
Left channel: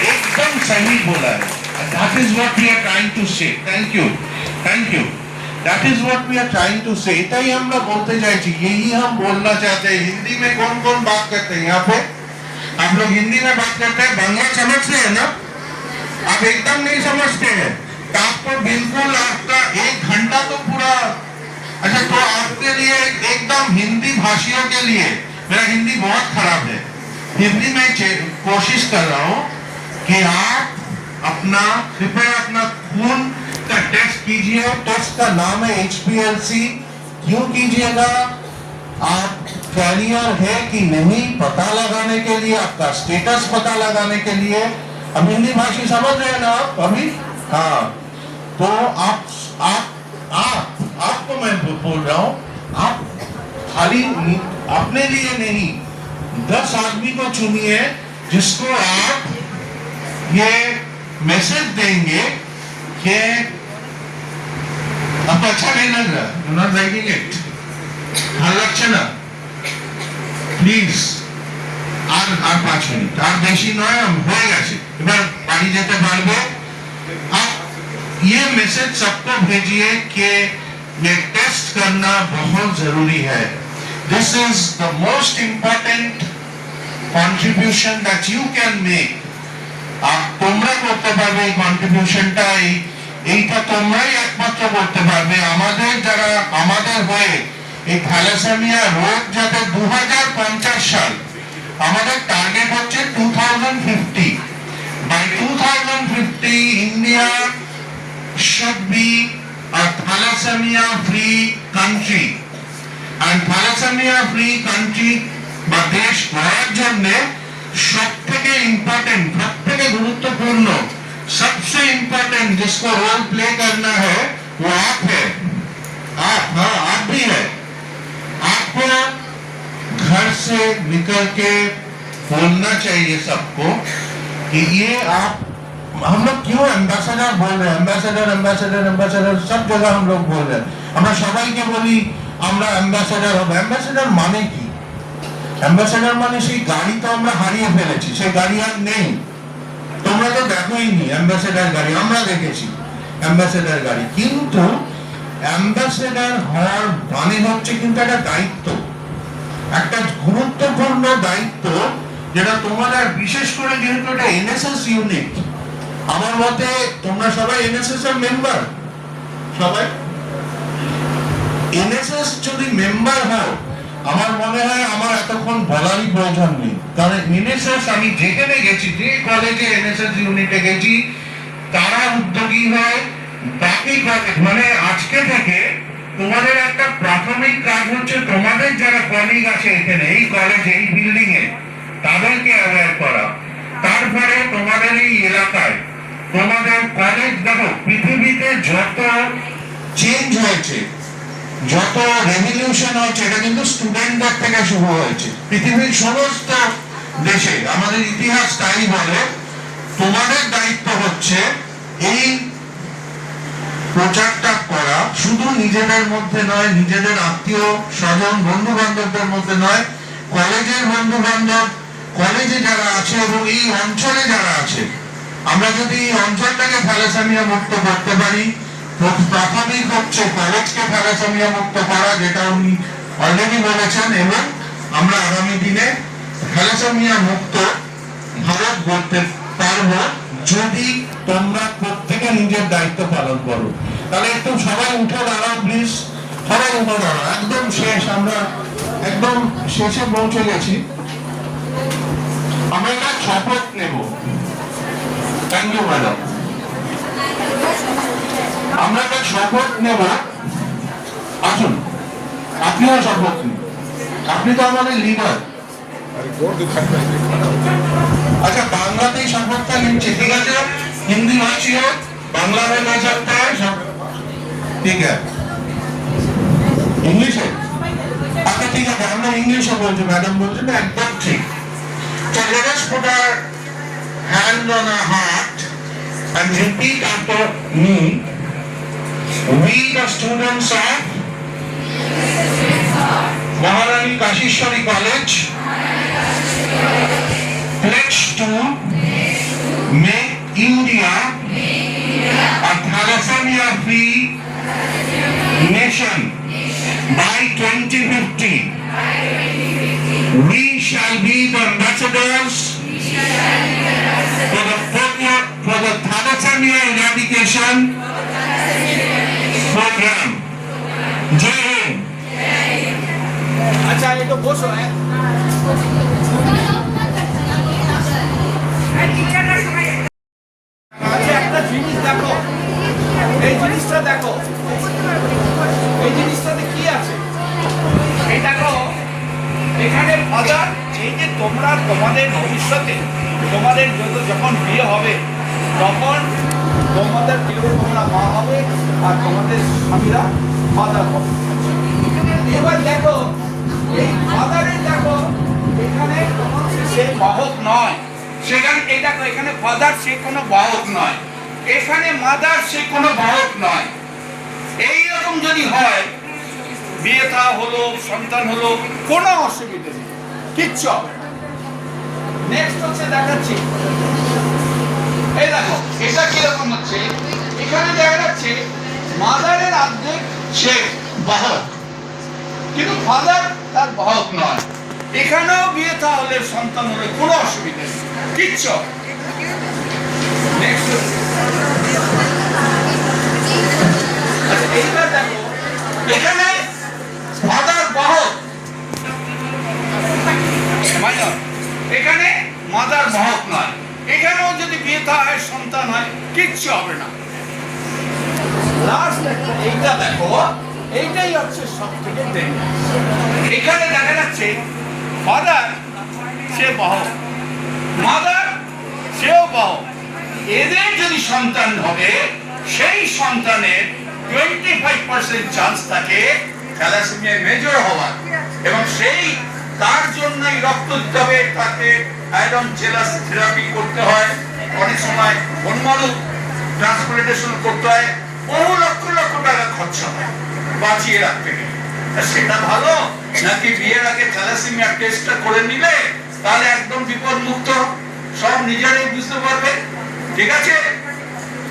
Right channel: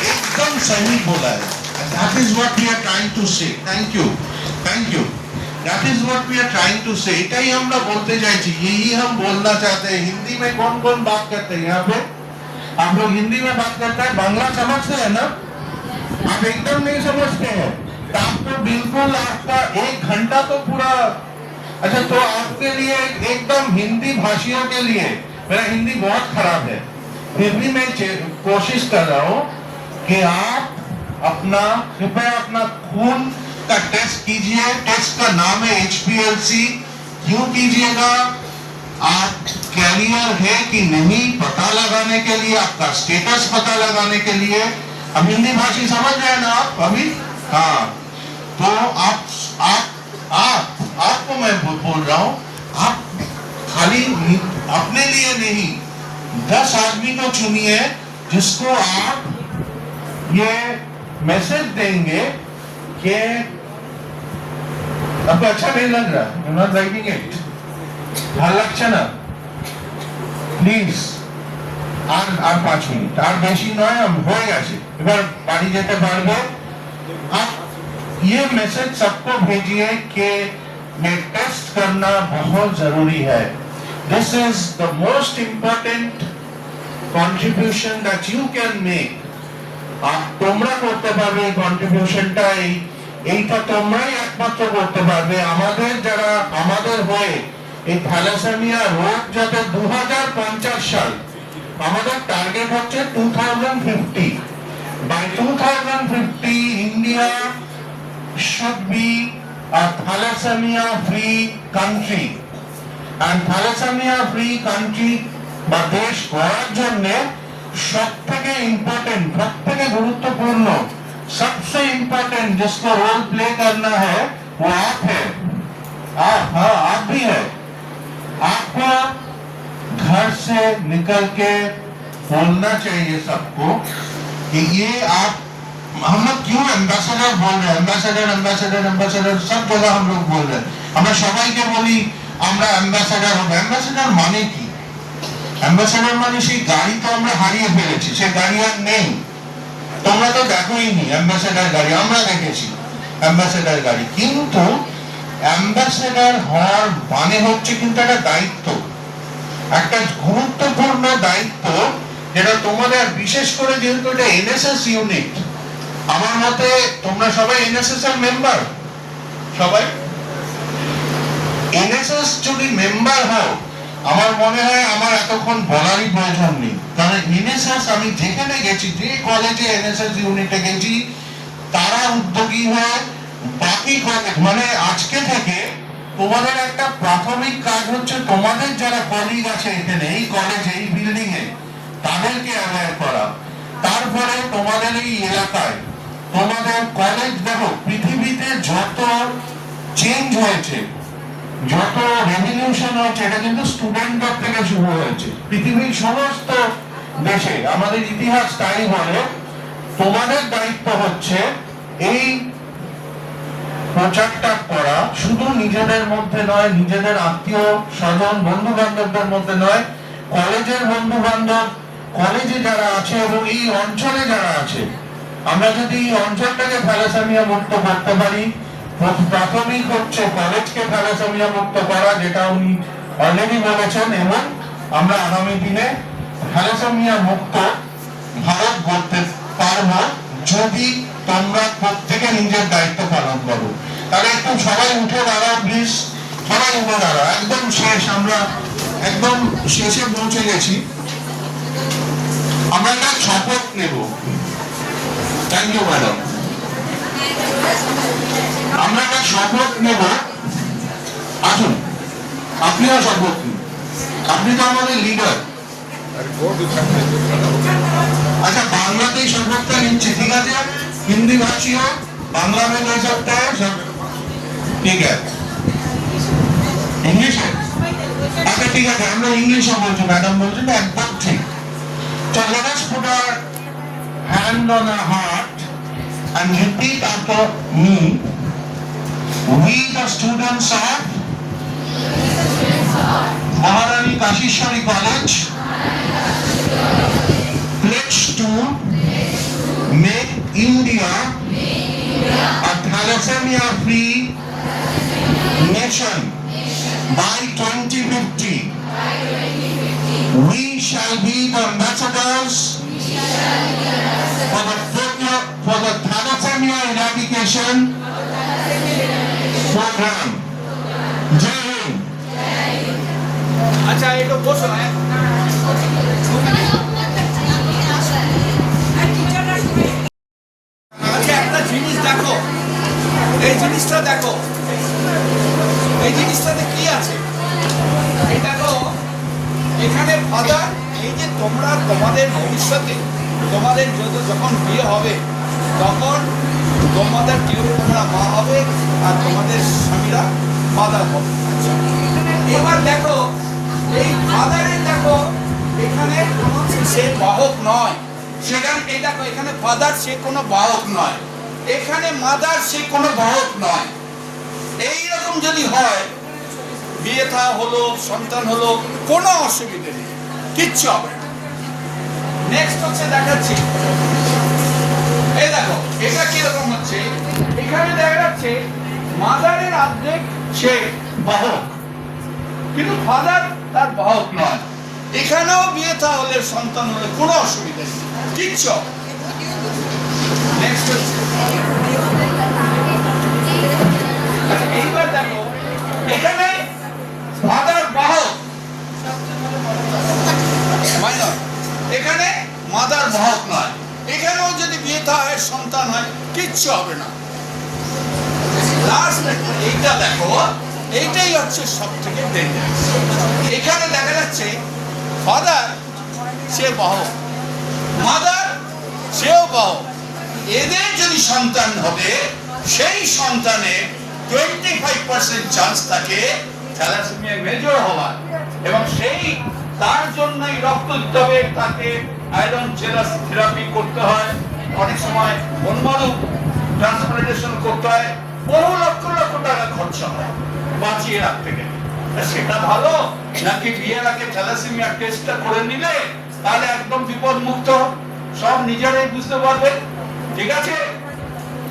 एकदम सही बोला है। That is what we are trying to say. Thank you, thank you. That is what we are trying to say. इतना ही हम लोग बोलते जाएंगे, यही हम बोलना चाहते हैं। हिंदी में कौन कौन बात करते हैं यहाँ पे? आप लोग हिंदी में बात करते हैं, बांग्ला समझते हैं ना? आप एकदम नहीं समझते हैं तो आपको बिल्कुल आपका 1 घंटा तो पूरा। अच्छा, तो आपके लिए एकदम हिंदी भाषियों के लिए, मेरा हिंदी बहुत खराब है, हिंदी में कोशिश कर रहा हूँ कि आप कृपया अपना खून का टेस्ट कीजिए। टेस्ट का नाम है HPLC। क्यों कीजिएगा? आप कैरियर है कि नहीं पता लगाने के लिए, आपका स्टेटस पता लगाने के लिए। अब हिंदी भाषी समझ रहे हैं ना आप अभी? हाँ, तो आपको मैं बोल रहा हूँ, आप खाली अपने लिए नहीं, 10 आदमी को चुनिए जिसको आप ये मैसेज देंगे कि आपको अच्छा नहीं लग रहा, यू नॉट लाइकिंग इट, ভালো লাগছে না, প্লিজ আর 5 মিনিট, আর বেশি নয়, হয়ে গেছে, এবার বাড়ি যেতে পারবে। आप ये मैसेज सबको भेजिए कि ये टेस्ट करना बहुत जरूरी है। This is the most important contribution that you can make. তোমরা করতে পারবে এই কন্ট্রিবিউশনটা, এইটা তোমরাই একমাত্র করতে পারবে। আমাদের যারা আমাদের হয়ে এই থ্যালাসেমিয়া রোগ যাতে 2050 সাল, আমাদের টার্গেট হচ্ছে 2050। By 2050 India should be a thalassemia free country, and thalassemia free country বা দেশ গড়ার জন্য सबसे इम्पोर्टेंट, सबसे गुरुत्वपूर्ण, सबसे इम्पोर्टेंट जिसको रोल प्ले करना है वो आप है। आप भी है। आपको घर से निकल के बोलना चाहिए सबको कि ये आप, हम लोग क्यों एम्बेसडर बोल रहे हैं, एम्बेसडर एम्बेसडर एम्बेसडर सब जगह हम लोग बोल रहे हैं। আমরা সবাইকে বলি আমরা অ্যাম্বাসেডর হব। অ্যাম্বাসেডর মানে কি? অ্যাম্বাসেডর মানে সেই গাড়ি তো আমরা হারিয়ে ফেলেছি, সেই গাড়ি আর নেই। তোমরা তো দেখোই নি অ্যাম্বাসেডর গাড়ি, আমরা দেখেছি অ্যাম্বাসেডর গাড়ি। কিন্তু অ্যাম্বাসেডর হওয়ার মানে হচ্ছে কিন্তু একটা দায়িত্ব, একটা গুরুত্বপূর্ণ দায়িত্ব, যেটা তোমাদের, বিশেষ করে যেহেতু এটা এনএসএস ইউনিট, আমার মতে তোমরা সবাই এনএসএস এর মেম্বার, সবাই এনএসএস যদি মেম্বার হও, আমার মনে হয় আমার এতক্ষণ বলারই প্রয়োজন নেই। কারণ এনএসএস আমি যেখানে গেছি, যে কলেজে এনএসএস ইউনিটে গেছি, তারা উদ্যোগী হয়। বাকি কলেজ মানে আজকে থেকে তোমাদের একটা প্রাথমিক কাজ হচ্ছে তোমাদের যারা কলিগ আছে এখানে এই কলেজে, এই বিল্ডিং এ, তাদেরকে অ্যাওয়্যার করা। তারপরে তোমাদের এই এলাকায় তোমাদের কলেজ, দেখো পৃথিবীতে যত চেঞ্জ হয়েছে, যত রেভলিউশন হচ্ছে, এটা কিন্তু স্টুডেন্টদের থেকে শুরু হয়েছে। পৃথিবীর সমস্ত দেশে আমাদের ইতিহাস তাই বলে। তোমাদের দায়িত্ব হচ্ছে এই প্রচারটা করা, শুধু নিজেদের মধ্যে নয়, নিজেদের আত্মীয় স্বজন বন্ধু বান্ধবদের মধ্যে নয়, কলেজের বন্ধু বান্ধব, কলেজে যারা আছে এবং এই অঞ্চলে যারা আছে, আমরা যদি এই অঞ্চলটাকে থ্যালাসেমিয়া মুক্ত করতে পারি, প্রাথমিক হচ্ছে কলেজকে থ্যালাসেমিয়া মুক্ত করা, যেটা উনি অলরেডি বলেছেন, এবং আমরা আগামী দিনে থ্যালাসেমিয়া মুক্ত ভারত গড়তে পারবো যদি তোমরা প্রত্যেকে নিজের দায়িত্ব পালন করো। তাহলে একটু সবাই উঠে দাঁড়াও প্লিজ, সবাই উঠে দাঁড়াও। একদম শেষ, আমরা একদম শেষে পৌঁছে গেছি। আমরা একটা শপথ নেব। Thank you madam. আমরা একটা শপথ নেব। আসুন, আপনিও শপথ নিন, আপনি তো আমাদের লিডার। अच्छा, बांग्लातेई शपथটা নিচ্ছি, ঠিক আছে? हिंदी भाषी हो, बांग्ला में बोल सकते हैं, ठीक है? इंग्लिश है? अच्छा ठीक है, हम लोग इंग्लिश में बोलते, मैडम बोलते ना, एकदम ठीक। So let us put our hand on our heart and repeat after me. We the students of Maharani Kashishwari College pledge to make India a thalassemia-free nation by 2050. We shall be the ambassadors for the thalassemia eradication program. Jai Hind. अच्छा ये तो बहुत सुना है আচ্ছা একটা জিনিস দেখো এই জিনিসটা দেখো এই জিনিসটাতে কি আছে এই দেখো এখানে ফাদার এই যে তোমরা তোমাদের ভবিষ্যতে তোমাদের যখন বিয়ে হবে তখন তোমাদের কেউ তোমরা মা হবে আর তোমাদের স্বামীরা ফাদার হবে এবার দেখো এই ফাদারের দেখো এখানে কোনো সে বাহক নয় সেখানে এই দেখো এখানে ফাদার সে কোনো বাহক নয় এখানে মাদার সে কোনো বাহক নয় এইরকম যদি হয় বিয়ে থা হলো সন্তান হলো কোনো অসুবিধা নেই কিচ্ছু হবে নেক্সট হচ্ছে দেখাচ্ছি এই দেখো এটা কিরকম হচ্ছে এখানে দেখা যাচ্ছে মাদারের অর্ধেক সে বাহক কিন্তু ফাদার তার বাহক নয় এখানেও বিয়ে থা হলে সন্তান হলে কোনো অসুবিধা নেই কিচ্ছু নেক্সট আচ্ছা এইবার দেখো এখানে ফাদার বাহক মাইনর এখানে মাদার বাহক নয় এখানেও যদি বিয়ে থা হয় সন্তান হয় কিচ্ছু হবে না লাস্ট এইটা দেখো এইটাই হচ্ছে সব থেকে ডেঞ্জারাস এখানে দেখা যাচ্ছে ফাদার সে বাহক মাদার সেও বাহক এদের যদি সন্তান ঘটে সেই সন্তানের 25% চান্স থাকে থ্যালাসেমিয়া মেজর হওয়ার এবং সেই তার জন্যই রক্ত দিতে হবে তাকে আয়রন জেলাস থেরাপি করতে হয় অনেক সময় বনমালু ট্রান্সপ্লান্টেশন করতে হয় বহু লক্ষ লক্ষ টাকা খরচা হয় বাঁচিয়ে রাখতে গেলে সেটা ভালো নাকি বিয়ের আগে থ্যালাসেমিয়া টেস্টটা করে নিলে তাহলে একদম বিপদ মুক্ত সব নিজেরাই বুঝতে পারবে ঠিক আছে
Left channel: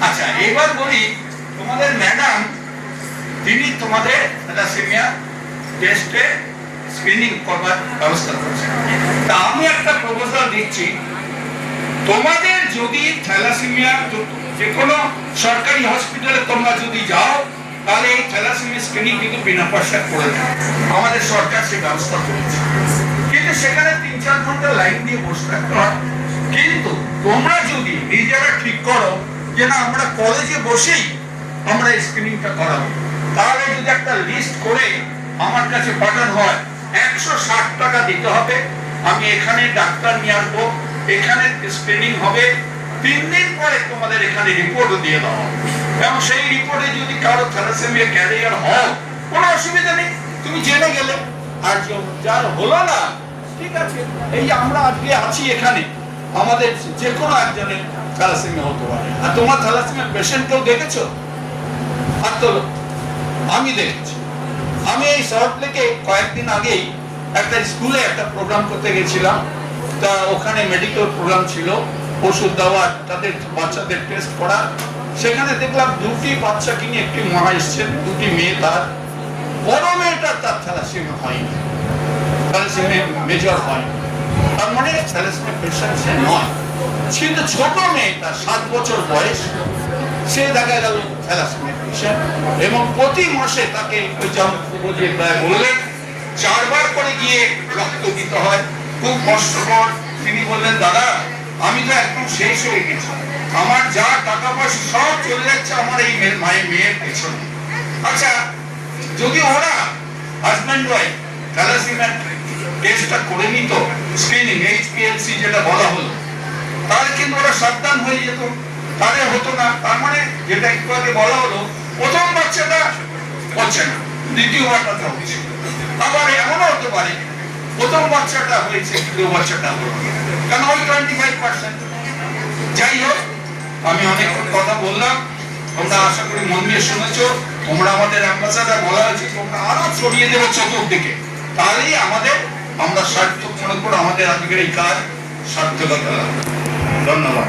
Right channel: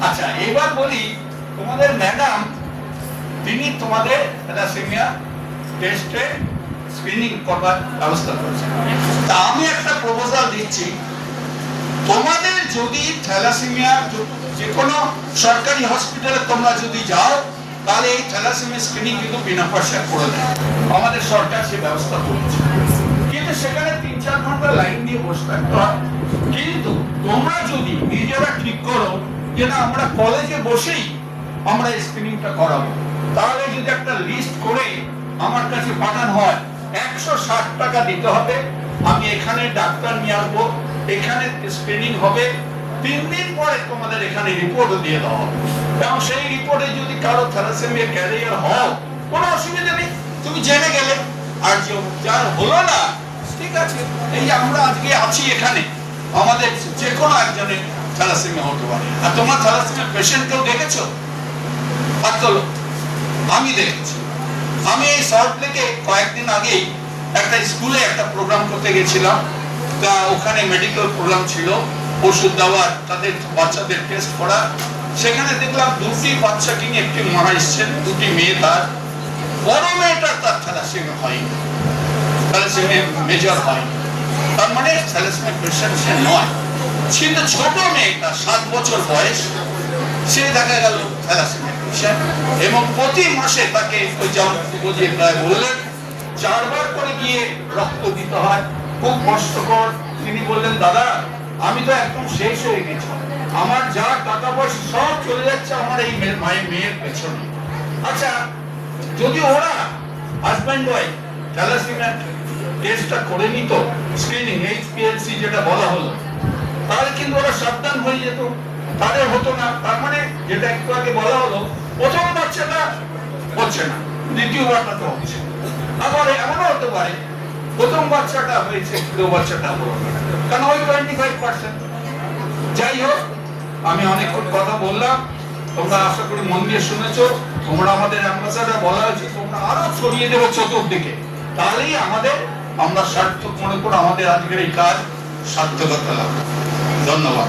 আচ্ছা এবার বলি তোমাদের ম্যাডাম তিনি তোমাদের থ্যালাসেমিয়া টেস্টে স্ক্রিনিং করবার ব্যবস্থা করেছেন তা আমি একটা প্রপোজাল দিচ্ছি তোমাদের যদি থ্যালাসেমিয়া যে কোনো সরকারি হসপিটালে তোমরা যদি যাও তাহলে এই থ্যালাসেমিয়া স্ক্রিনিং কিন্তু বিনা পয়সা করে দেয় আমাদের সরকার সে ব্যবস্থা করেছে কিন্তু সেখানে 3-4 ঘন্টা লাইন দিয়ে বসে থাকতে হয় কিন্তু তোমরা যদি নিজেরা ঠিক করো যে না আমরা কলেজে বসেই আমরা স্ক্রিনিংটা করাবো তাহলে যদি একটা লিস্ট করে আমার কাছে পাঠানো হয় 160 টাকা দিতে হবে আমি এখানে ডাক্তার নিয়ে আসবো এখানে স্ক্রিনিং হবে 3 দিন পরে তোমাদের এখানে রিপোর্টও দিয়ে দেওয়া হবে এবং সেই রিপোর্টে যদি কারো থ্যালাসেমিয়া ক্যারিয়ার হয় কোনো অসুবিধা নেই তুমি জেনে গেলে আর যার হলো না ঠিক আছে এই আমরা আজকে আছি এখানে আমাদের যে কোনো একজনের থ্যালাসেমিয়া হতে পারে আর তোমরা থ্যালাসেমিয়া পেশেন্ট কেউ দেখেছো আর তো আমি দেখেছি আমি এই সল্ট লেকে কয়েকদিন আগেই একটা স্কুলে একটা প্রোগ্রাম করতে গেছিলাম তা ওখানে মেডিকেল প্রোগ্রাম ছিল ওষুধ দেওয়ার তাদের বাচ্চাদের টেস্ট করা সেখানে দেখলাম 2টি বাচ্চাকে নিয়ে একটি মা এসছেন 2টি মেয়ে তার বড় মেয়েটার তার থ্যালাসেমিয়া হয়নি থ্যালাসেমিয়া মেজর হয়নি তার মানে থ্যালাসেমিয়া পেশেন্ট সে নয় কিন্তু ছোট মেয়েটা 7 বছর বয়স সে দেখা গেল থ্যালাসেমিয়া পেশেন্ট এবং প্রতি মাসে তাকে ওই যেমন বুঝিয়ে প্রায় বললেন 4 বার করে গিয়ে রক্ত দিতে হয় খুব কষ্টকর তিনি বললেন দাদা আমি তো একদম শেষ হয়ে গেছি আমার যা টাকা পয়সা সব চলে যাচ্ছে আমার এই মেয়ের পেছনে আচ্ছা যদি ওরা হাজব্যান্ড ওয়াইফ থ্যালাসেমিয়া টেস্টটা করে নিত স্ক্রিনিং HPLC যেটা বলা হলো তাহলে কিন্তু ওরা সাবধান হয়ে যেত তাহলে হতো না তার মানে যেটা একটু আগে বলা হলো প্রথম বাচ্চাটা হচ্ছে না দ্বিতীয় বাচ্চাটা হচ্ছে আবার এমনও হতে পারে প্রথম বাচ্চাটা হয়েছে দ্বিতীয় বাচ্চাটা হলো কারণ ওই 25% যাই হোক আমি অনেক কথা বললাম তোমরা আশা করি মন দিয়ে শুনেছো তোমরা আমাদের অ্যাম্বাসাডার, বলা হয়েছে তোমরা আরো ছড়িয়ে দেবে চতুর্দিকে, তাহলেই আমরা সার্থক মনে করে আমাদের আজকের এই কাজ সার্থকতা লাভ। ধন্যবাদ।